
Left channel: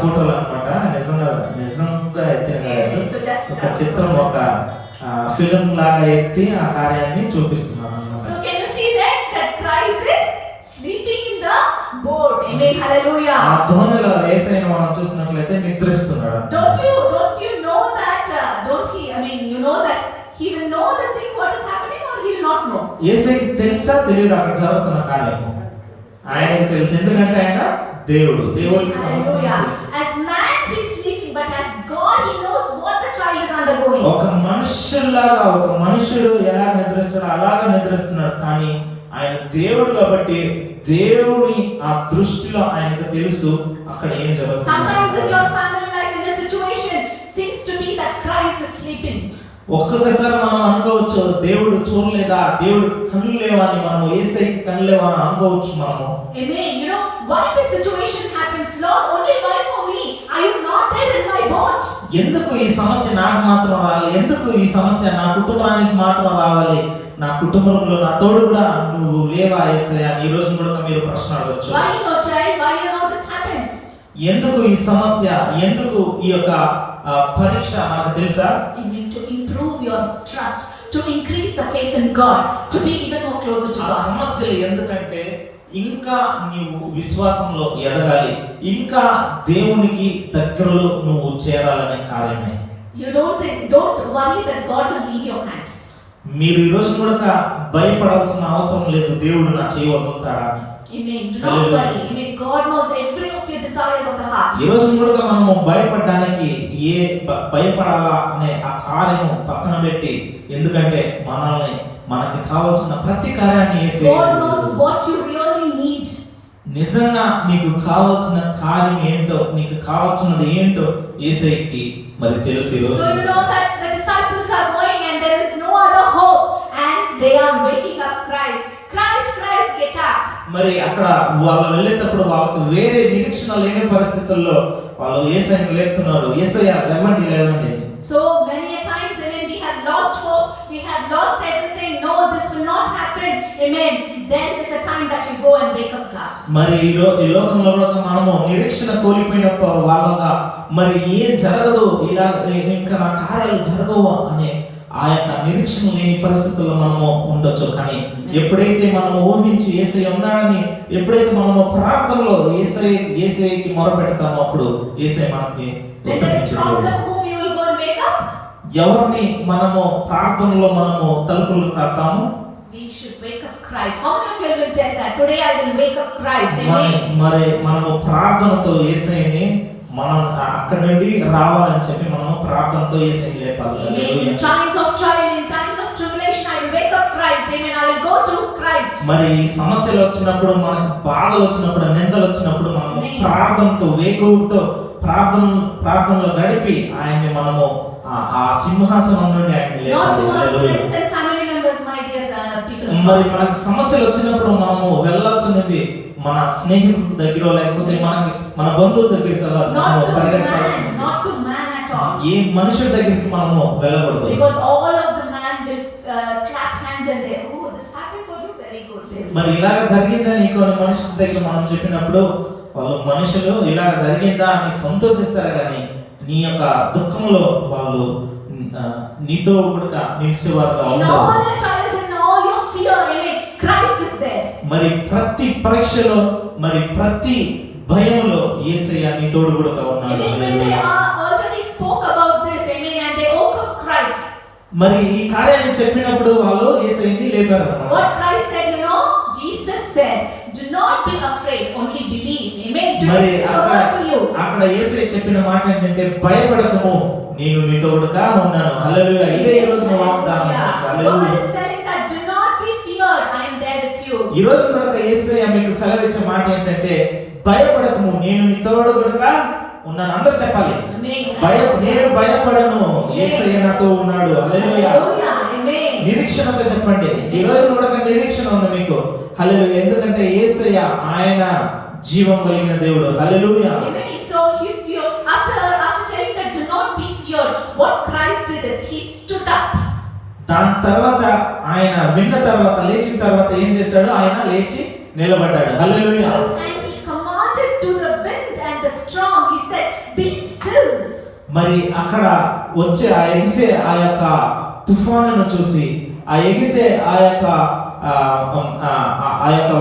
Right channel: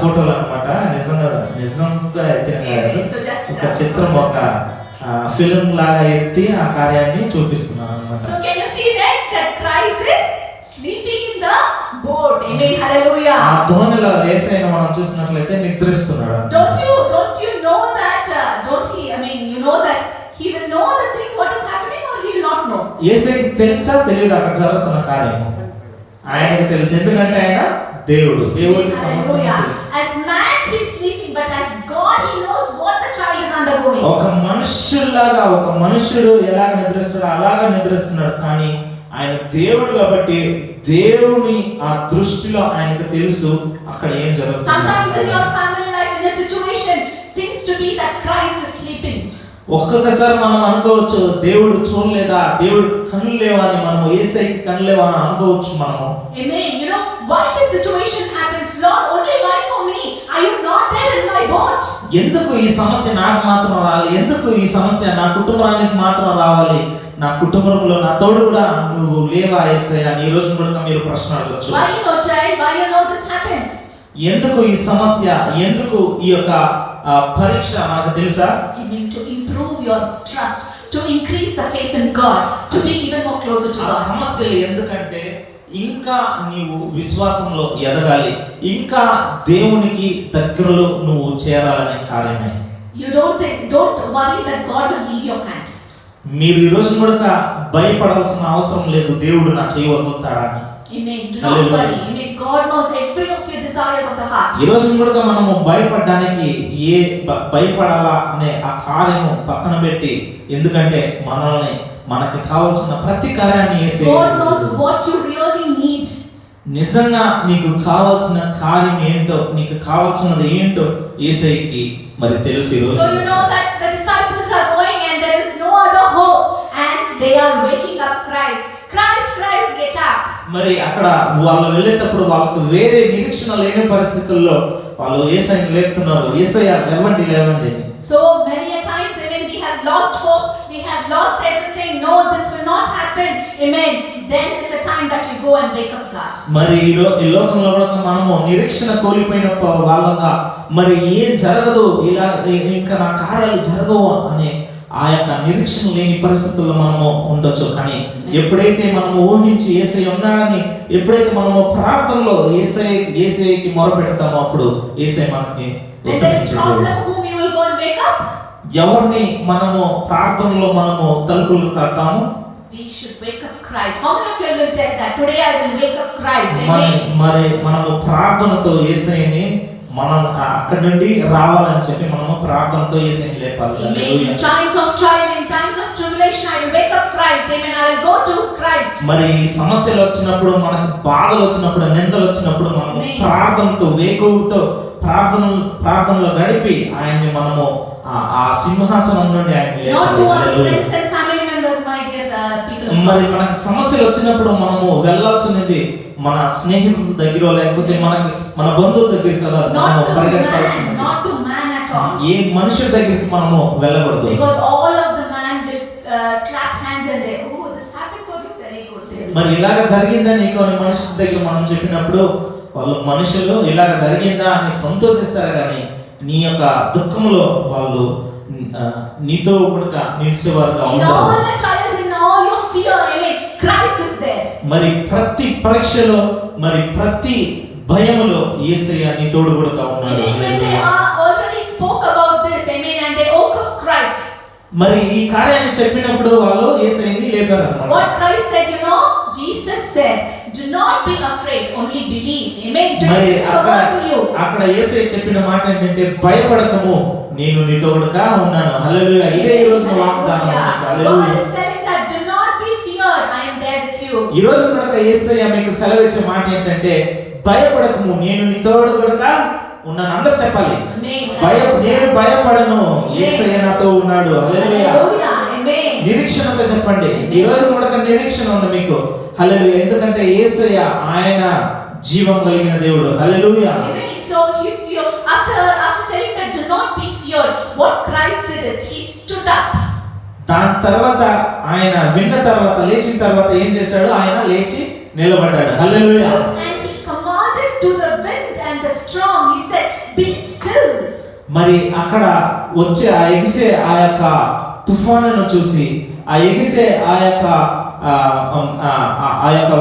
ఫోటోలు అన్నమాట. నిజంగా ఎత్తిన ఒక చిత్రం, ఒక ఫిల్మ్ లాగా ఎత్తి ఆ కార్యాన్ని చూపిస్తున్నాను అన్నమాట. So can you see that Christ is sleeping in the boat? Amen. Hallelujah. ఆ ధోనిలో యేసయ్యను మనం చూసినట్లయితే నిద్రిస్తున్నాడు. Don't you know that? You know that he will know the thing what is happening, or he will not know? యేసయ్యకి తెలుసా తెలియదు అక్కడ జరుగుతున్న కార్యము? ఆయనకి తెలుసు, ఎందుకంటే ఆయన దేవుడికి సమస్తం తెలుసు. As man he is sleeping, but as God he knows what the child is undergoing. ఒక మనుష్యులాగా ఒక మనుష్యుడు ఎలా నిద్రిస్తాడో అలాగా నిద్రిస్తున్నాడు, కానీ ఆయన దేవుడు కాబట్టి దేవుని ఆ దృష్టిలో ఆయనకు తెలుసు అక్కడ ఏం జరుగుతుంది. Sometimes in your family life in a situation seems to be that Christ is sleeping. ఒక్కొక్కసారి మనం అనుకోవచ్చు దేవుడు చూడలేదా, దేవుడికి కళ్ళు లేవని, మనము యేసయ్యకి కళ్ళు లేవని అనుకోవచ్చు మనము. Amen. You know why this situation happens, Lord? Only why for me? Are you not there in my boat? ఎందుకు ఈ సమస్య నాకు మాత్రం రావాలి? ఎందుకు ఈ సమస్య నా కుటుంబానికి మాత్రం రావాలి? నా కుటుంబంలో నా తోడు కూడా నువ్వు లేవా యేసయ్య అని ఈ రోజు కూడా మీరు ప్రశ్న అడగచ్చు. Why you know, child? Why you know this happens? ఎందుకు ఈ సమస్య, ఎందుకు ఈ యొక్క పరీక్ష మనకు తెలుసా? You mean to improve your trust, to increase the faith in God, to be even more closer to God. సమస్యలు ఎందుకంటే ఇంకా నీవు విశ్వాసంలో ఎదగాలి, ఇంకా దేవునికి దగ్గరలో నువ్వు చేరాలనే కార్యమే. You don't worry that God will leave your hand. మీరు ఈ రోజు కూడా భయపడాల్సిన అవసరం లేదు దేవుడు నా చేయి వదులుతాడా అని. Amen. Do not worry. Amen. God knows every of your desires of the heart. ఈ రోజు కూడా మనము భయపడడానికి భయపడాలా అనే ఆ కార్యము పక్కన పెట్టి, ఎందుకంటే మనకి కావాల్సిన ప్రతి కార్యాన్ని యేసయ్య God knows what you really need. నిజంగా నీకు కావాల్సిన కార్యం ఏంటో, నీకు కావాల్సినది ఏంటో యేసయ్యకి మరి తెలుసు. So you know that the disciples are going and there is no other hope and they are waking up Christ, get up. మరి అక్కడ వాళ్ళు వెళ్ళేటప్పుడు వాళ్ళకు వేరే నిరీక్షణ లేని పరిస్థితుల్లో వాళ్ళు యేసయ్యని లేపుతున్నారు, యేసయ్య లేవండి. So many a times when we have lost hope, we have lost everything, no, this will not happen, amen, then is the time that you go and wake up God. మరి ఈ లోకంలో కూడా మనము నిరీక్షణ కోల్పోయిన వాళ్ళగా మరి ఏం జరగదు, ఇలా ఇంకా నా కార్యాలు జరగవు అనే ఆ యొక్క నిరీక్షణ లేని పరిస్థితుల్లో మనము ఉండొచ్చు. కానీ ఎప్పుడైతే మనము ఊహించి యేసయ్య ఉన్నాడని ఎప్పుడైతే మనము ప్రార్థనలో యేసయ్యకి మొరపెడతామో అప్పుడు యేసయ్య మనకి When there is problem, whom you will go and wake up? ఎవరిని మనము ప్రార్థనలో మనము తలుపులు తడతాము? We should wake up Christ. How many of you will tell that today I will wake up Christ? Amen. మరి మనము ప్రార్థనతో యేసయ్యని మనం అక్కడ నుండి రావాలని చెప్పి మనము ప్రార్థనతో యేసయ్యని లేపాలి. Amen. In times of trial, in times of tribulation, I will wake up Christ. Amen. I will go to Christ. మరి సమస్యలు వచ్చినప్పుడు, మనకు బాధలు వచ్చినప్పుడు, నిందలు వచ్చినప్పుడు మనం ప్రార్థనతో వేకువతో ప్రార్థనలో గడిపి ఆయన్ని మనము ఆ సింహాసనం నుండి ఆయన్ని లేపాలి. మరి మనకి సమస్యలు వచ్చినప్పుడు మనము వెళ్ళాల్సినది మన స్నేహితుల దగ్గర లేకపోతే మన బంధువుల దగ్గర కాదు, మనము పరిగెత్తాల్సింది ఏ మనుషుల దగ్గరికి మనము వెళ్ళకూడదు. మరి ఇలాగ జరిగిందని కొన్ని మనుషుల దగ్గర మనం చెప్పినప్పుడు వాళ్ళు మనుషులు ఇలాగ జరిగిందా అని సంతోషిస్తారు, కానీ నీ యొక్క దుఃఖంలో వాళ్ళు నీతో కూడా నిలిచేవారుగా ఉంటారు. మరి ప్రతి పరీక్షలో, మరి ప్రతి భయములో యేసయ్య నీ తోడు కూడా ఉన్నాడు. మరి ఈ కార్యాన్ని చెప్పినప్పుడు వాళ్ళు యేసయ్యని లేపారు అన్నమాట. What Christ said, you know, Jesus said, do not be afraid, only believe. Amen. మరి అక్కడ యేసయ్య చెప్పిన మాట ఏంటంటే భయపడకము, నేను నీ తోడుగా ఉన్నాను. హల్లెలూయా. ఇదే ఈ రోజు వాగ్దానం. హల్లెలూయా. ఈ రోజు కూడా యేసయ్య మీకు సెలవిచ్చే మాట ఏంటంటే భయపడకము, నేను నీ తోడుగా ఉన్నాను. అందరూ చెప్పాలి, నేను భయపడను, యేసయ్య నాతో ఉన్నాడు. హల్లెలూయా. నిరీక్షణతో చెప్పండి. ఈ రోజు కూడా నిరీక్షణ ఉంది మీకు. హల్లెలూయా. ఎందుకంటే యేసయ్య ఆయన జీవం కలిగిన దేవుడు. హల్లెలూయా. So if you after telling that do not be feared, what Christ did is he stood up. దాని తర్వాత ఆయన విన్న తర్వాత లేచిన తర్వాత ఏం చేశాడు? ఆయన లేచి నిలబడ్డాడు. హల్లెలూయా. And he commanded to the wind and the storm, he said, be still. మరి అక్కడ వచ్చే ఆ ఎగిసే ఆ యొక్క తుఫానును చూసి, ఆ ఎగిసే ఆ యొక్క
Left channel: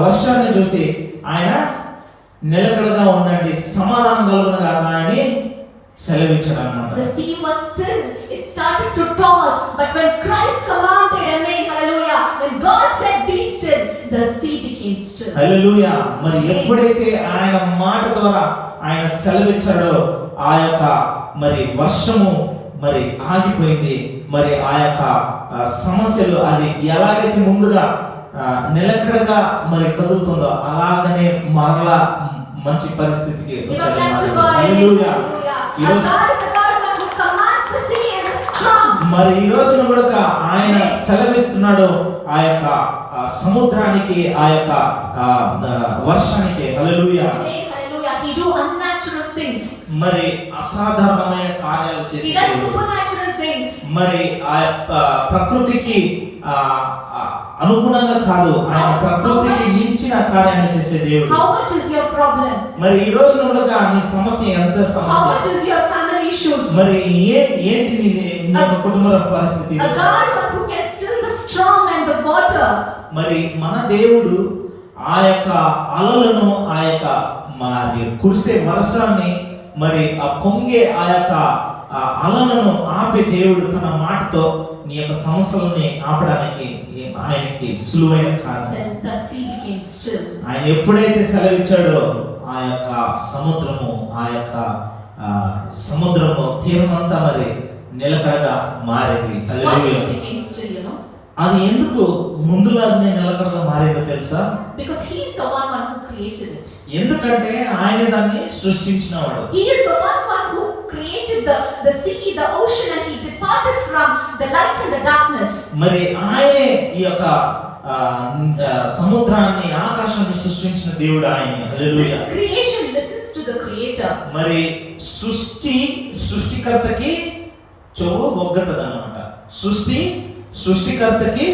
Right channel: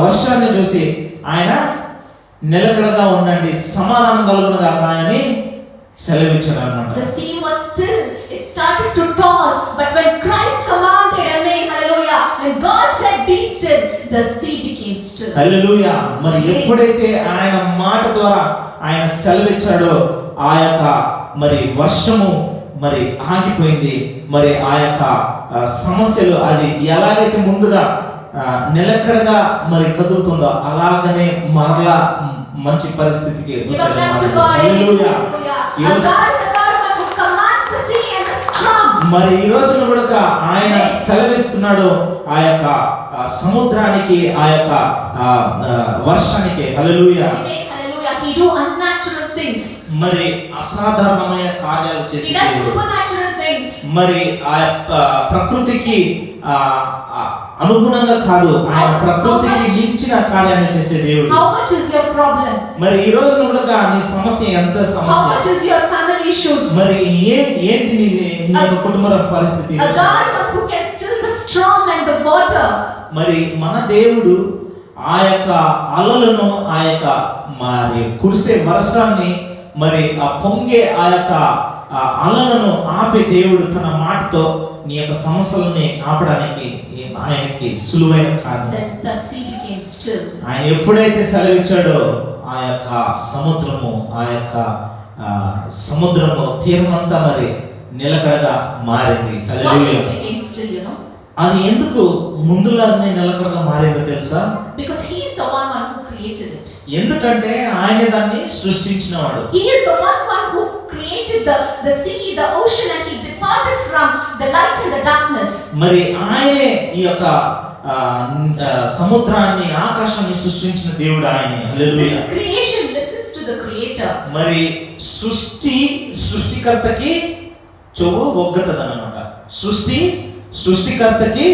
వర్షాన్ని చూసి ఆయన నిలకడగా ఉండండి, సమాధానం కలుగునగాక అని సెలవిచ్చాడు అన్నమాట. The sea was still, it started to toss, but when Christ commanded, amen, hallelujah, when God said be still, the sea became still. హల్లెలూయా. మరి ఎప్పుడైతే ఆయన మాట ద్వారా ఆయన సెలవిచ్చాడో ఆ యొక్క మరి వర్షము మరి ఆగిపోయింది. మరి ఆ యొక్క సమస్యలు అది ఎలాగైతే ముందుగా నిలకడగా మరి కదులుతుందో అలాగనే మరలా మంచి పరిస్థితికి మరి ఈ రోజు కూడా ఆయన సెలవిస్తున్నాడు ఆ యొక్క సముద్రానికి, ఆ యొక్క వర్షానికి. హల్లెలూయా. మరి అసాధారణమైన కార్యాలు చేసి మరి ఆ ప్రకృతికి అనుగుణంగా కాదు, ఆయన ప్రకృతికి మించిన కార్యాన్ని చేసే దేవుడు. How much is your problem? మరి ఈ రోజు కూడా నీ సమస్య ఎంత సమస్య? How much is your family issues? మరి ఏంటి నీ కుటుంబ పరిస్థితి? A God who can still the storm and the water. మరి మన దేవుడు ఆ యొక్క అలలను, ఆ యొక్క మరి కురిసే వర్షాన్ని, మరి ఆ పొంగే ఆ యొక్క అలలను ఆపే దేవుడు. తన మాటతో నీ యొక్క సమస్యలని ఆపడానికి ఆయనకి సులువైన కారణం. ఆయన ఎప్పుడైతే సెలవిచ్చాడో ఆ యొక్క సముద్రము తీరమంతా మరి నిలకడగా మారింది. హల్లెలూయా. అది ఎందుకు ముందులానే నిలకడగా మారిందో తెలుసా? Because he is the one who created it. ఎందుకంటే ఆయన దాన్ని సృష్టించినవాడు. He is the one who created the sea, the ocean, and he departed from the light and the darkness. మరి ఆయనే ఈ యొక్క సముద్రాన్ని, ఆకాశాన్ని సృష్టించిన దేవుడు ఆయనే. హల్లెలూయా. This creation listens to the creator. మరి సృష్టికర్తకి చెవు ఒగ్గతదన్నమాట. సృష్టికర్తకి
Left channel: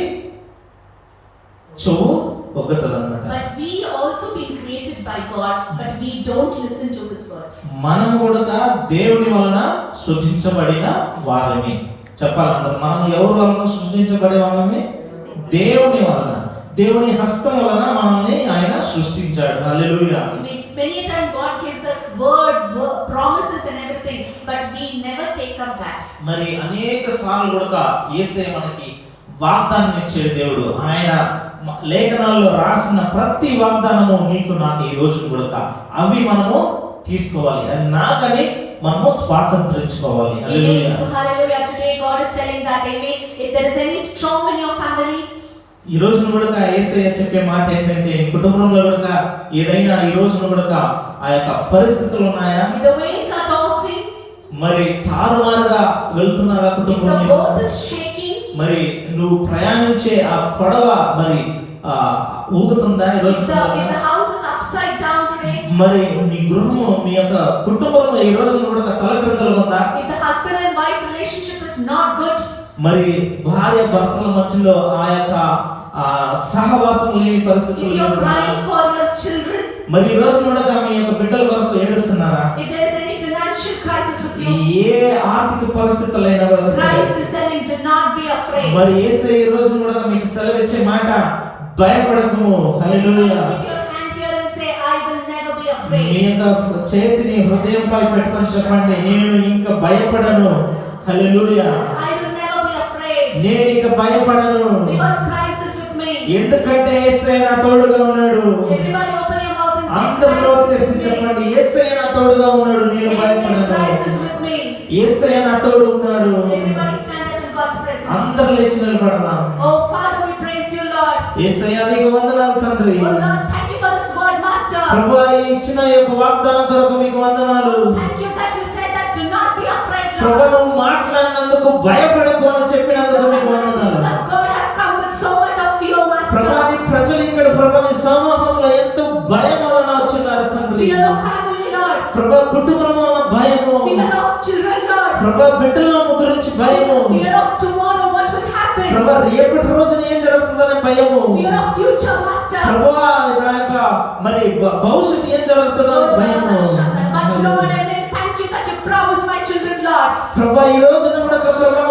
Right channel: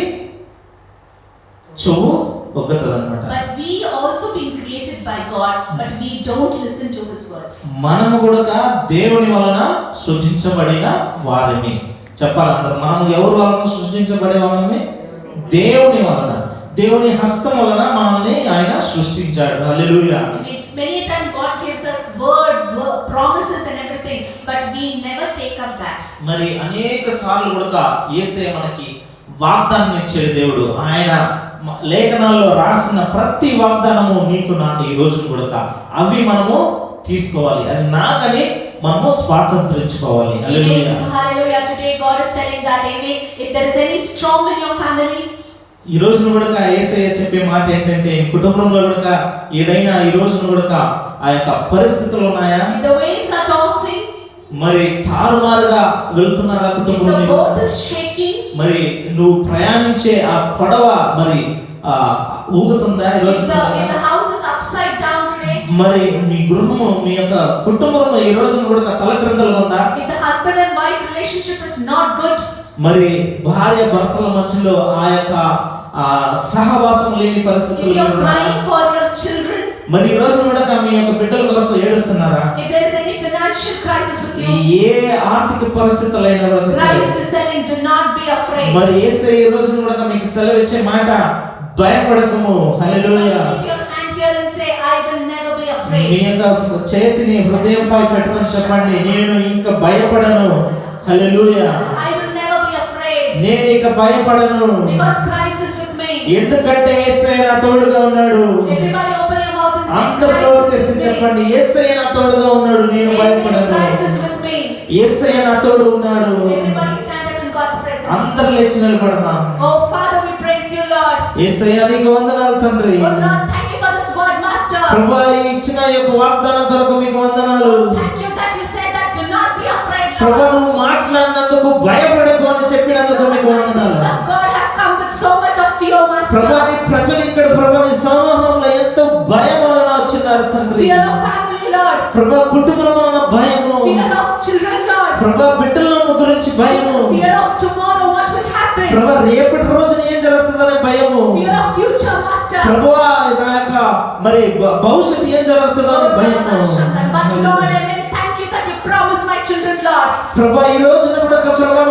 చెవు ఒగ్గతదన్నమాట. But we also been created by God, but we don't listen to his words. మనము కూడా దేవుని వలన సృజించబడిన వారిని. చెప్పాలంటారు. మనం ఎవరు వలన సృష్టించబడే వాళ్ళని? దేవుని వలన, దేవుని హస్తం వలన మనల్ని ఆయన సృష్టించాడు. హల్లెలూయా. Many times God gives us word, promises and everything, but we never take up that. మరి అనేక సార్లు కూడా యేసయ్య మనకి వాగ్దానం ఇచ్చే దేవుడు. ఆయన లేఖనాల్లో రాసిన ప్రతి వాగ్దానము నీకు నాకు ఈ రోజు కూడా అవి మనము తీసుకోవాలి. అది నాకని మనము స్వాతంత్రించుకోవాలి. హల్లెలూయా. So hallelujah, today God is telling that, amen, if there is any storm in your family, ఈ రోజు కూడా యేసయ్య చెప్పే మాట ఏంటంటే, కుటుంబంలో కూడా ఏదైనా ఈ రోజు కూడా ఆ యొక్క పరిస్థితులు ఉన్నాయా? if the waves are tossing, మరి తారుమారుగా వెళ్తున్నారా if కుటుంబంలో? the boat is shaking, మరి నువ్వు ప్రయాణించే ఆ పడవ మరి ఊగుతుందా ఈ రోజు? if the house is upside down today, మరి మీ గృహము, మీ యొక్క కుటుంబము ఈ రోజు కూడా తలక్రిందులు ఉందా? if the husband and wife relationship is not good, మరి భార్య భర్తల మధ్యలో ఆ యొక్క సహవాసం లేని if పరిస్థితులు you are ఉన్నాయా? crying for your children, మరి ఈ రోజు కూడా మీ యొక్క బిడ్డల కొరకు ఏడుస్తున్నారా? if there is any financial crisis with you, ఏ ఆర్థిక పరిస్థితులైనా కూడా Christ is saying, do not be afraid. మరి యేసయ్య ఈ రోజు కూడా మీకు సెలవు ఇచ్చే మాట, భయపడకము. హల్లెలూయా. Keep your hand here and say, I will never be me afraid. యొక్క చేతిని హృదయంపై పెట్టుకొని చెప్పండి, నేను ఇంకా భయపడను. హల్లెలూయా. I will never be afraid. నేను ఇక భయపడను, Because Christ is with me. ఎందుకంటే యేసయ్య నా తోడుగా ఉన్నాడు. Everybody open your mouth and say, అందరూ Christ చేసి is with me. చెప్పండి, యేసయ్య నా తోడుగా ఉన్నాడు, నేను Amen. భయపడను. Christ is with me. యేసయ్య నా తోడు ఉన్నాడు. Everybody stand up in God's presence. అందరూ లేచి నిలబడదాం. Oh Father, we praise you, Lord. యేసయ్య నీకు వందనాలు తండ్రి. Oh Lord, thank you for this word, Master. ప్రభువా, ఈ ఇచ్చిన ఈ యొక్క వాగ్దానం కొరకు మీకు వందనాలు. Thank you that you said that do not be afraid, ప్రభువా, Lord. నువ్వు మాట్లాడినందుకు భయపడకు అని చెప్పినందుకు మీకు వందనాలు. That God have come with so much of fear, ప్రభువా, Master. నీ ప్రజలు ఇక్కడ ప్రభువా నీ సమూహంలో ఎంతో భయం వలన వచ్చినారు తండ్రి. Fear of family, Lord. ప్రభువా, కుటుంబంలో ఉన్న భయము, Fear of children, Lord. ప్రభువా బిడ్డల గురించి భయము, Fear of tomorrow, what will happen. ప్రభువా రేపటి రోజున ఏం జరుగుతుందనే భయము, Fear of future, Master. ప్రభువా నా యొక్క మరి భవిష్యత్తు ఏం జరుగుతుందో Oh, అనే భయము. but Lord, amen. Thank you that you promised my children, Lord. ప్రభువా, ఈ రోజు కూడా ప్రభువా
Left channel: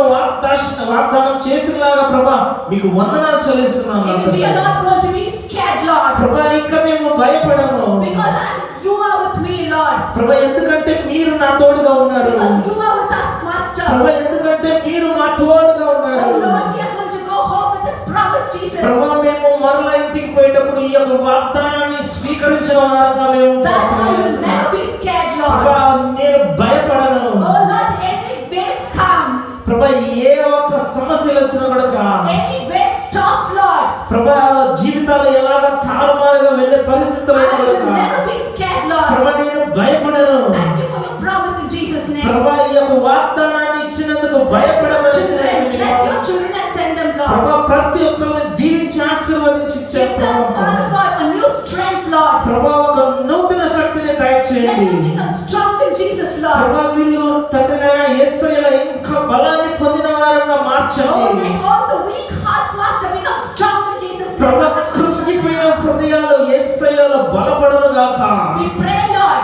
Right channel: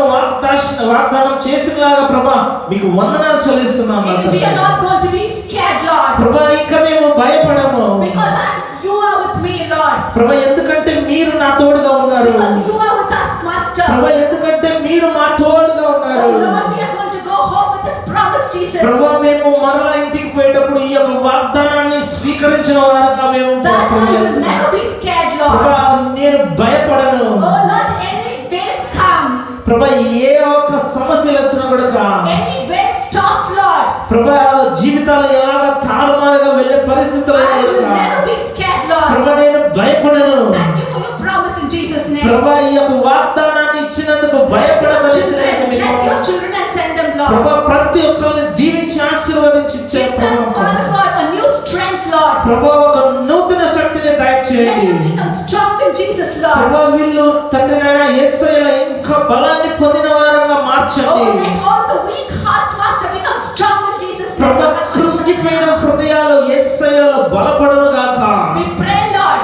వాగ్దానం చేసినలాగా ప్రభువా మీకు వందనాలు చెల్లిస్తున్నాము. We are not going to be scared, Lord. ప్రభువా, ఇక మేము భయపడము. Because you are with me, Lord. ప్రభువా, ఎందుకంటే మీరు నా తోడుగా ఉన్నారు. Because you are with us, Master. ప్రభువా, ఎందుకంటే మీరు మా తోడుగా Oh ఉన్నారు. Lord, we are going to go home with this promise, Jesus. ప్రభువా, మేము మరలా ఇంటికి పోయేటప్పుడు ఈ యొక్క వాగ్దానాన్ని స్వీకరించిన వారుగా మేము That I will never be scared, Lord. ప్రభువా, నేను భయపడను. Oh Lord, any waves come, ప్రభువా, ఏ ఒక్క సమస్యలు వచ్చినా కూడా any waves toss, Lord. ప్రభువా, జీవితాలు ఎలాగ తారుమారుగా వెళ్ళే పరిస్థితులు I will never be scared, Lord. ప్రభువా, నేను భయపడను. Thank you for your promise in Jesus' name. ప్రభువా, ఈ యొక్క వాగ్దానాన్ని ఇచ్చినందుకు Bless your భయపడమని children, bless your children and send them, Lord. ప్రభువా, ప్రతి ఒక్కరిని దీవించి ఆశీర్వదించి ఇచ్చే Give them, Father God, a new strength, Lord. ప్రభువా, ఒక నూతన శక్తిని Let దయచేయండి. them become strong in Jesus, Lord. ప్రభువా, వీళ్ళు తండ్రి నాయన యేసయ్యలో ఇంకా బలాన్ని పొందిన వారంగా Oh, మార్చండి. let all the weak hearts, Master, become strong in Jesus' name. ప్రభువా, కృంగిపోయిన హృదయాలు యేసయ్యలో బలపడును గాక. We pray, Lord,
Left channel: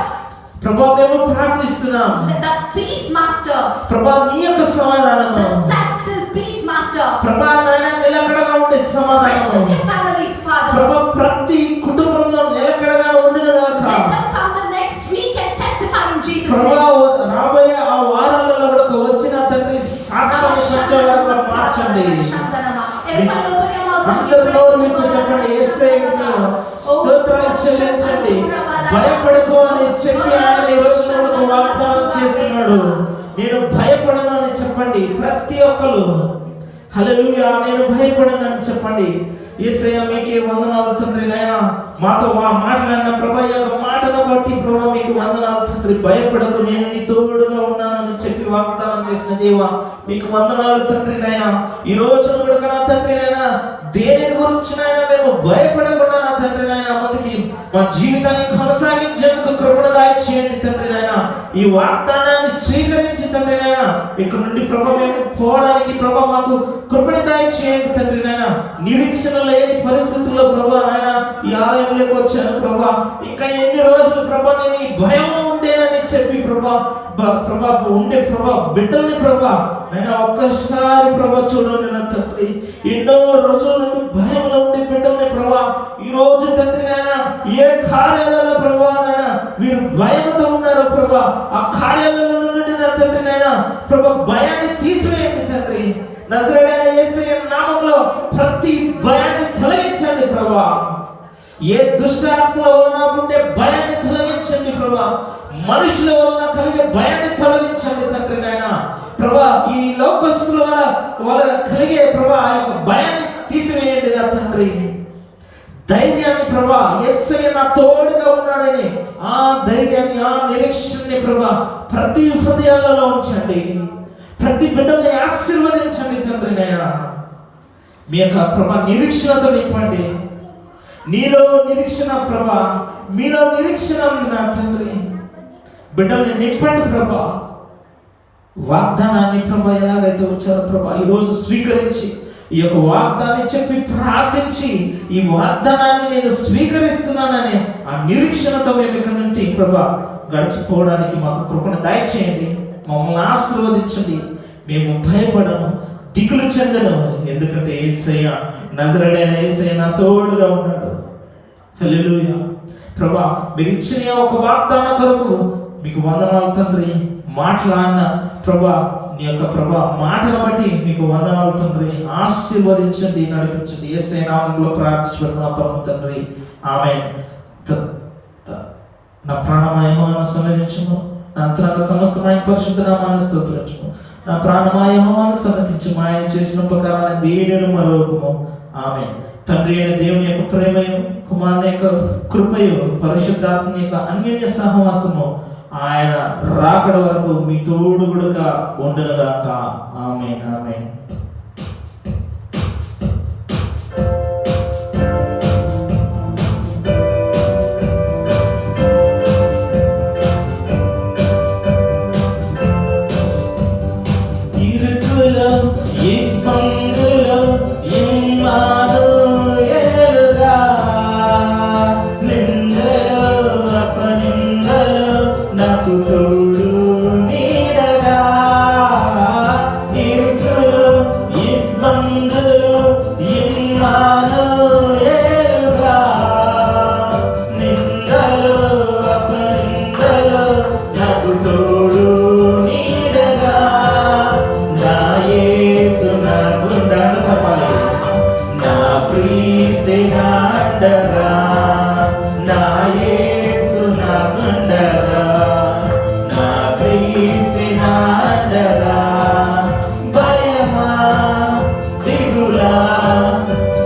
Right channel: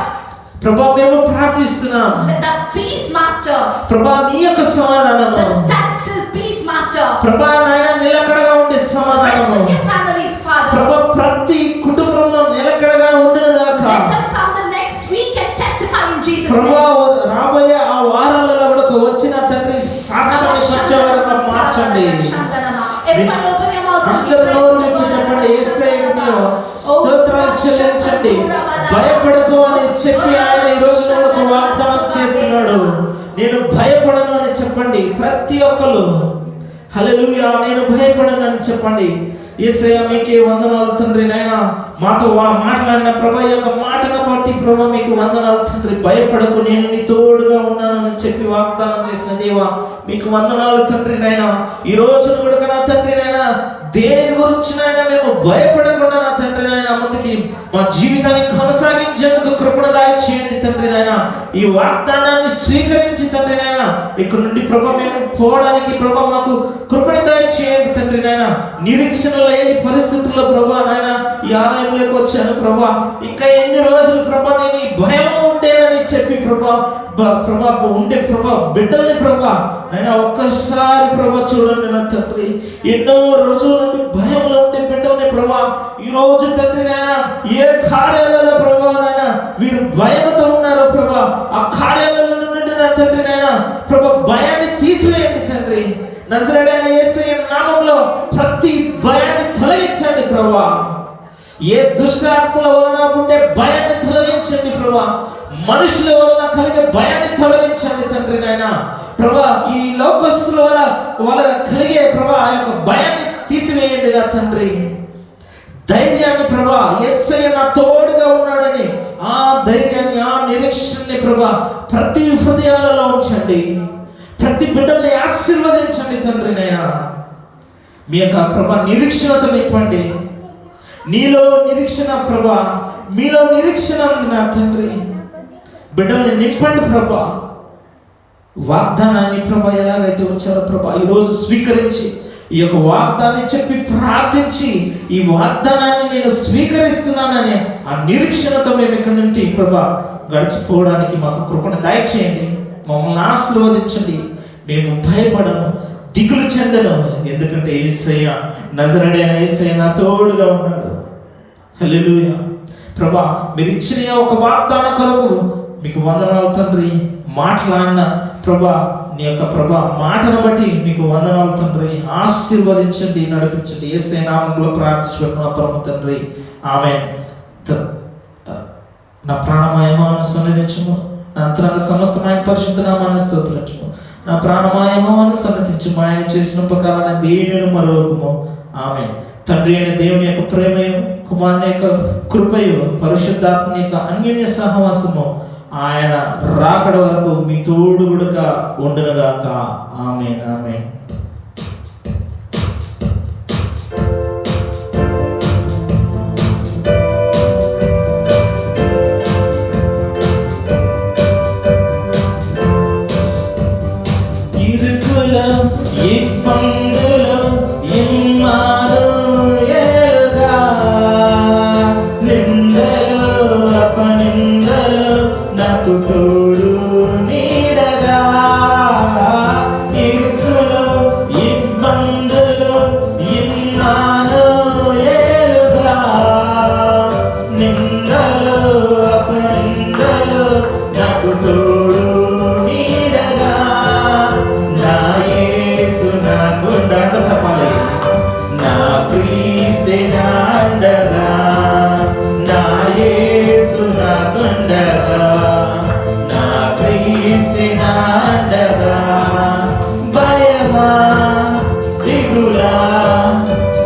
ప్రభువా, మేము ప్రార్థిస్తున్నాం. that the peace, Master, ప్రభువా, నీ యొక్క సమాధానము, the standstill peace, Master, ప్రభువా నాయన నిలకడగా ఉండే rest సమాధానము, in their families, Father. ప్రభువా ప్రతి కుటుంబంలో నిలకడగా ఉండును గాక. Let them come the next week and testify in Jesus' ప్రభువా, name. రాబోయే ఆ వారాలలో కూడా వచ్చిన తండ్రి సాక్షాన్ని సత్యవారంగా మార్చండి. Everybody open your mouth and give అందరూ praise to నోరు God. చెప్పండి, యేసయ్యకు స్తోత్రాలు చెల్లించండి. భయపడకు అని చెప్పి ఆయన ఈ రోజు మనకు వాగ్దానం చేస్తున్నాడు. నేను భయపడను అని చెప్పండి ప్రతి ఒక్కరు. హల్లెలూయా, నేను భయపడను అని చెప్పండి. యేసయ్య మీకే వందనాలు తండ్రి. నాయన మాతో మాట్లాడిన ప్రభు యొక్క మాటను బట్టి ప్రభు మీకు వందనాలు తండ్రి. భయపడకు, నేను నీ తోడుగా ఉన్నానని చెప్పి వాగ్దానం చేసిన దేవా మీకు వందనాలు తండ్రి. నాయన ఈ రోజున కూడా నా తండ్రి నాయన దేని గురించి నాయన మేము భయపడకుండా నా తండ్రి నాయన ముందుకి మా జీవితాన్ని కొనసాగించేందుకు కృపణ దయచేయండి తండ్రి నాయన. ఈ వాగ్దానాన్ని స్వీకరించి తండ్రి నాయన ఇక్కడ నుండి ప్రభు మేము పోవడానికి ప్రభు మాకు కృపణ దయచేయండి తండ్రి నాయన. నిరీక్షణ లేని పరిస్థితుల్లో ప్రభు నాయన ఈ ఆలయంలోకి వచ్చాను ప్రభు. ఇంకా ఎన్ని రోజులు ప్రభు నేను ఈ భయం ఉండేనని చెప్పి ప్రభు ప్రభా ఉండే ప్రభా బిడ్డల్ని ప్రభా నైనా ఒక్కసారి ప్రభా చూడండి నా తండ్రి. ఎన్నో రోజుల నుండి భయంలో ఉండే బిడ్డల్ని ప్రభా ఈరోజు తండ్రి నైనా ఏ కార్యాలలో ప్రభా నైనా వీరు భయంతో ఉన్నారో ప్రభా ఆ కార్యాలలో నుండి నా తండ్రి నైనా ప్రభా భయాన్ని తీసివేయండి తండ్రి. నజరేయుడైన యేసయ్య నామములో ప్రతి భయాన్ని తొలగించండి ప్రభా. ఏ దుష్ట ఆత్మల వలన ఉండే భయాన్ని తొలగించండి ప్రభా. మనుషుల వలన కలిగే భయాన్ని తొలగించండి తండ్రి నాయన ప్రభా. ఈ లోకస్తుల వల్ల కలిగే ప్రభా ఆ యొక్క భయాన్ని తీసివేయండి నా తండ్రి. ధైర్యాన్ని ప్రభా యేసయ్య నా తోడుగా ఉన్నాడని ఆ ధైర్యాన్ని ఆ నిరీక్షణని ప్రభా ప్రతి హృదయాలలో ఉంచండి. ప్రతి బిడ్డల్ని ఆశీర్వదించండి తండ్రి నాయన. మీ యొక్క ప్రభా నిరీక్షణతో నింపండి. నీలో నిరీక్షణ ప్రభా, మీలో నిరీక్షణ ఉంది నా తండ్రి. బిడ్డల్ని నింపండి ప్రభా. వాగ్దానాన్ని ప్రభా ఎలాగైతే వచ్చారో ప్రభా ఈరోజు స్వీకరించి ఈ యొక్క వాగ్దాన్ని చెప్పి ప్రార్థించి ఈ వాగ్దానాన్ని నేను స్వీకరిస్తున్నానని ఆ నిరీక్షణతో మేము ఇక్కడ నుండి ప్రభా గడిచిపోవడానికి మాకు కృపను దయచేయండి. మమ్మల్ని ఆశీర్వదించండి. మేము భయపడము, దిగులు చెందను, ఎందుకంటే యేసయ్య నజరేయుడైన యేసయ్య నా తోడుగా ఉన్నాడు. హల్లెలూయా. ప్రభా మీరు ఇచ్చిన ఒక వాగ్దానం కొరకు మీకు వందనాలు తండ్రి. మాట్లాడిన ప్రభా నీ యొక్క ప్రభా మాటను బట్టి మీకు వందనాలు తండ్రి. ఆశీర్వదించండి, నడిపించండి. యేసయ్య నామములో ప్రార్థించుకుంటున్నా పరమ తండ్రి, ఆమేన్. నా ప్రాణమయమాను సన్నిధించుము, నా అంతరంగ సమస్తమైన పరిశుద్ధ నామాన్ని స్తోత్రించుము. నా ప్రాణమయమాను సన్నిధించుము, ఆయన చేసిన ఉపకారాన్ని దేనిని మరొకము. ఆమేన్. తండ్రి అయిన దేవుని యొక్క ప్రేమయు, కుమారుని యొక్క కృపయు, పరిశుద్ధాత్మ యొక్క అన్యోన్య సహవాసము ఆయన రాకడ వరకు మీ తోడుగుడుగా ఉండునుగాక. ఆమేన్. ఆమేన్. తోడు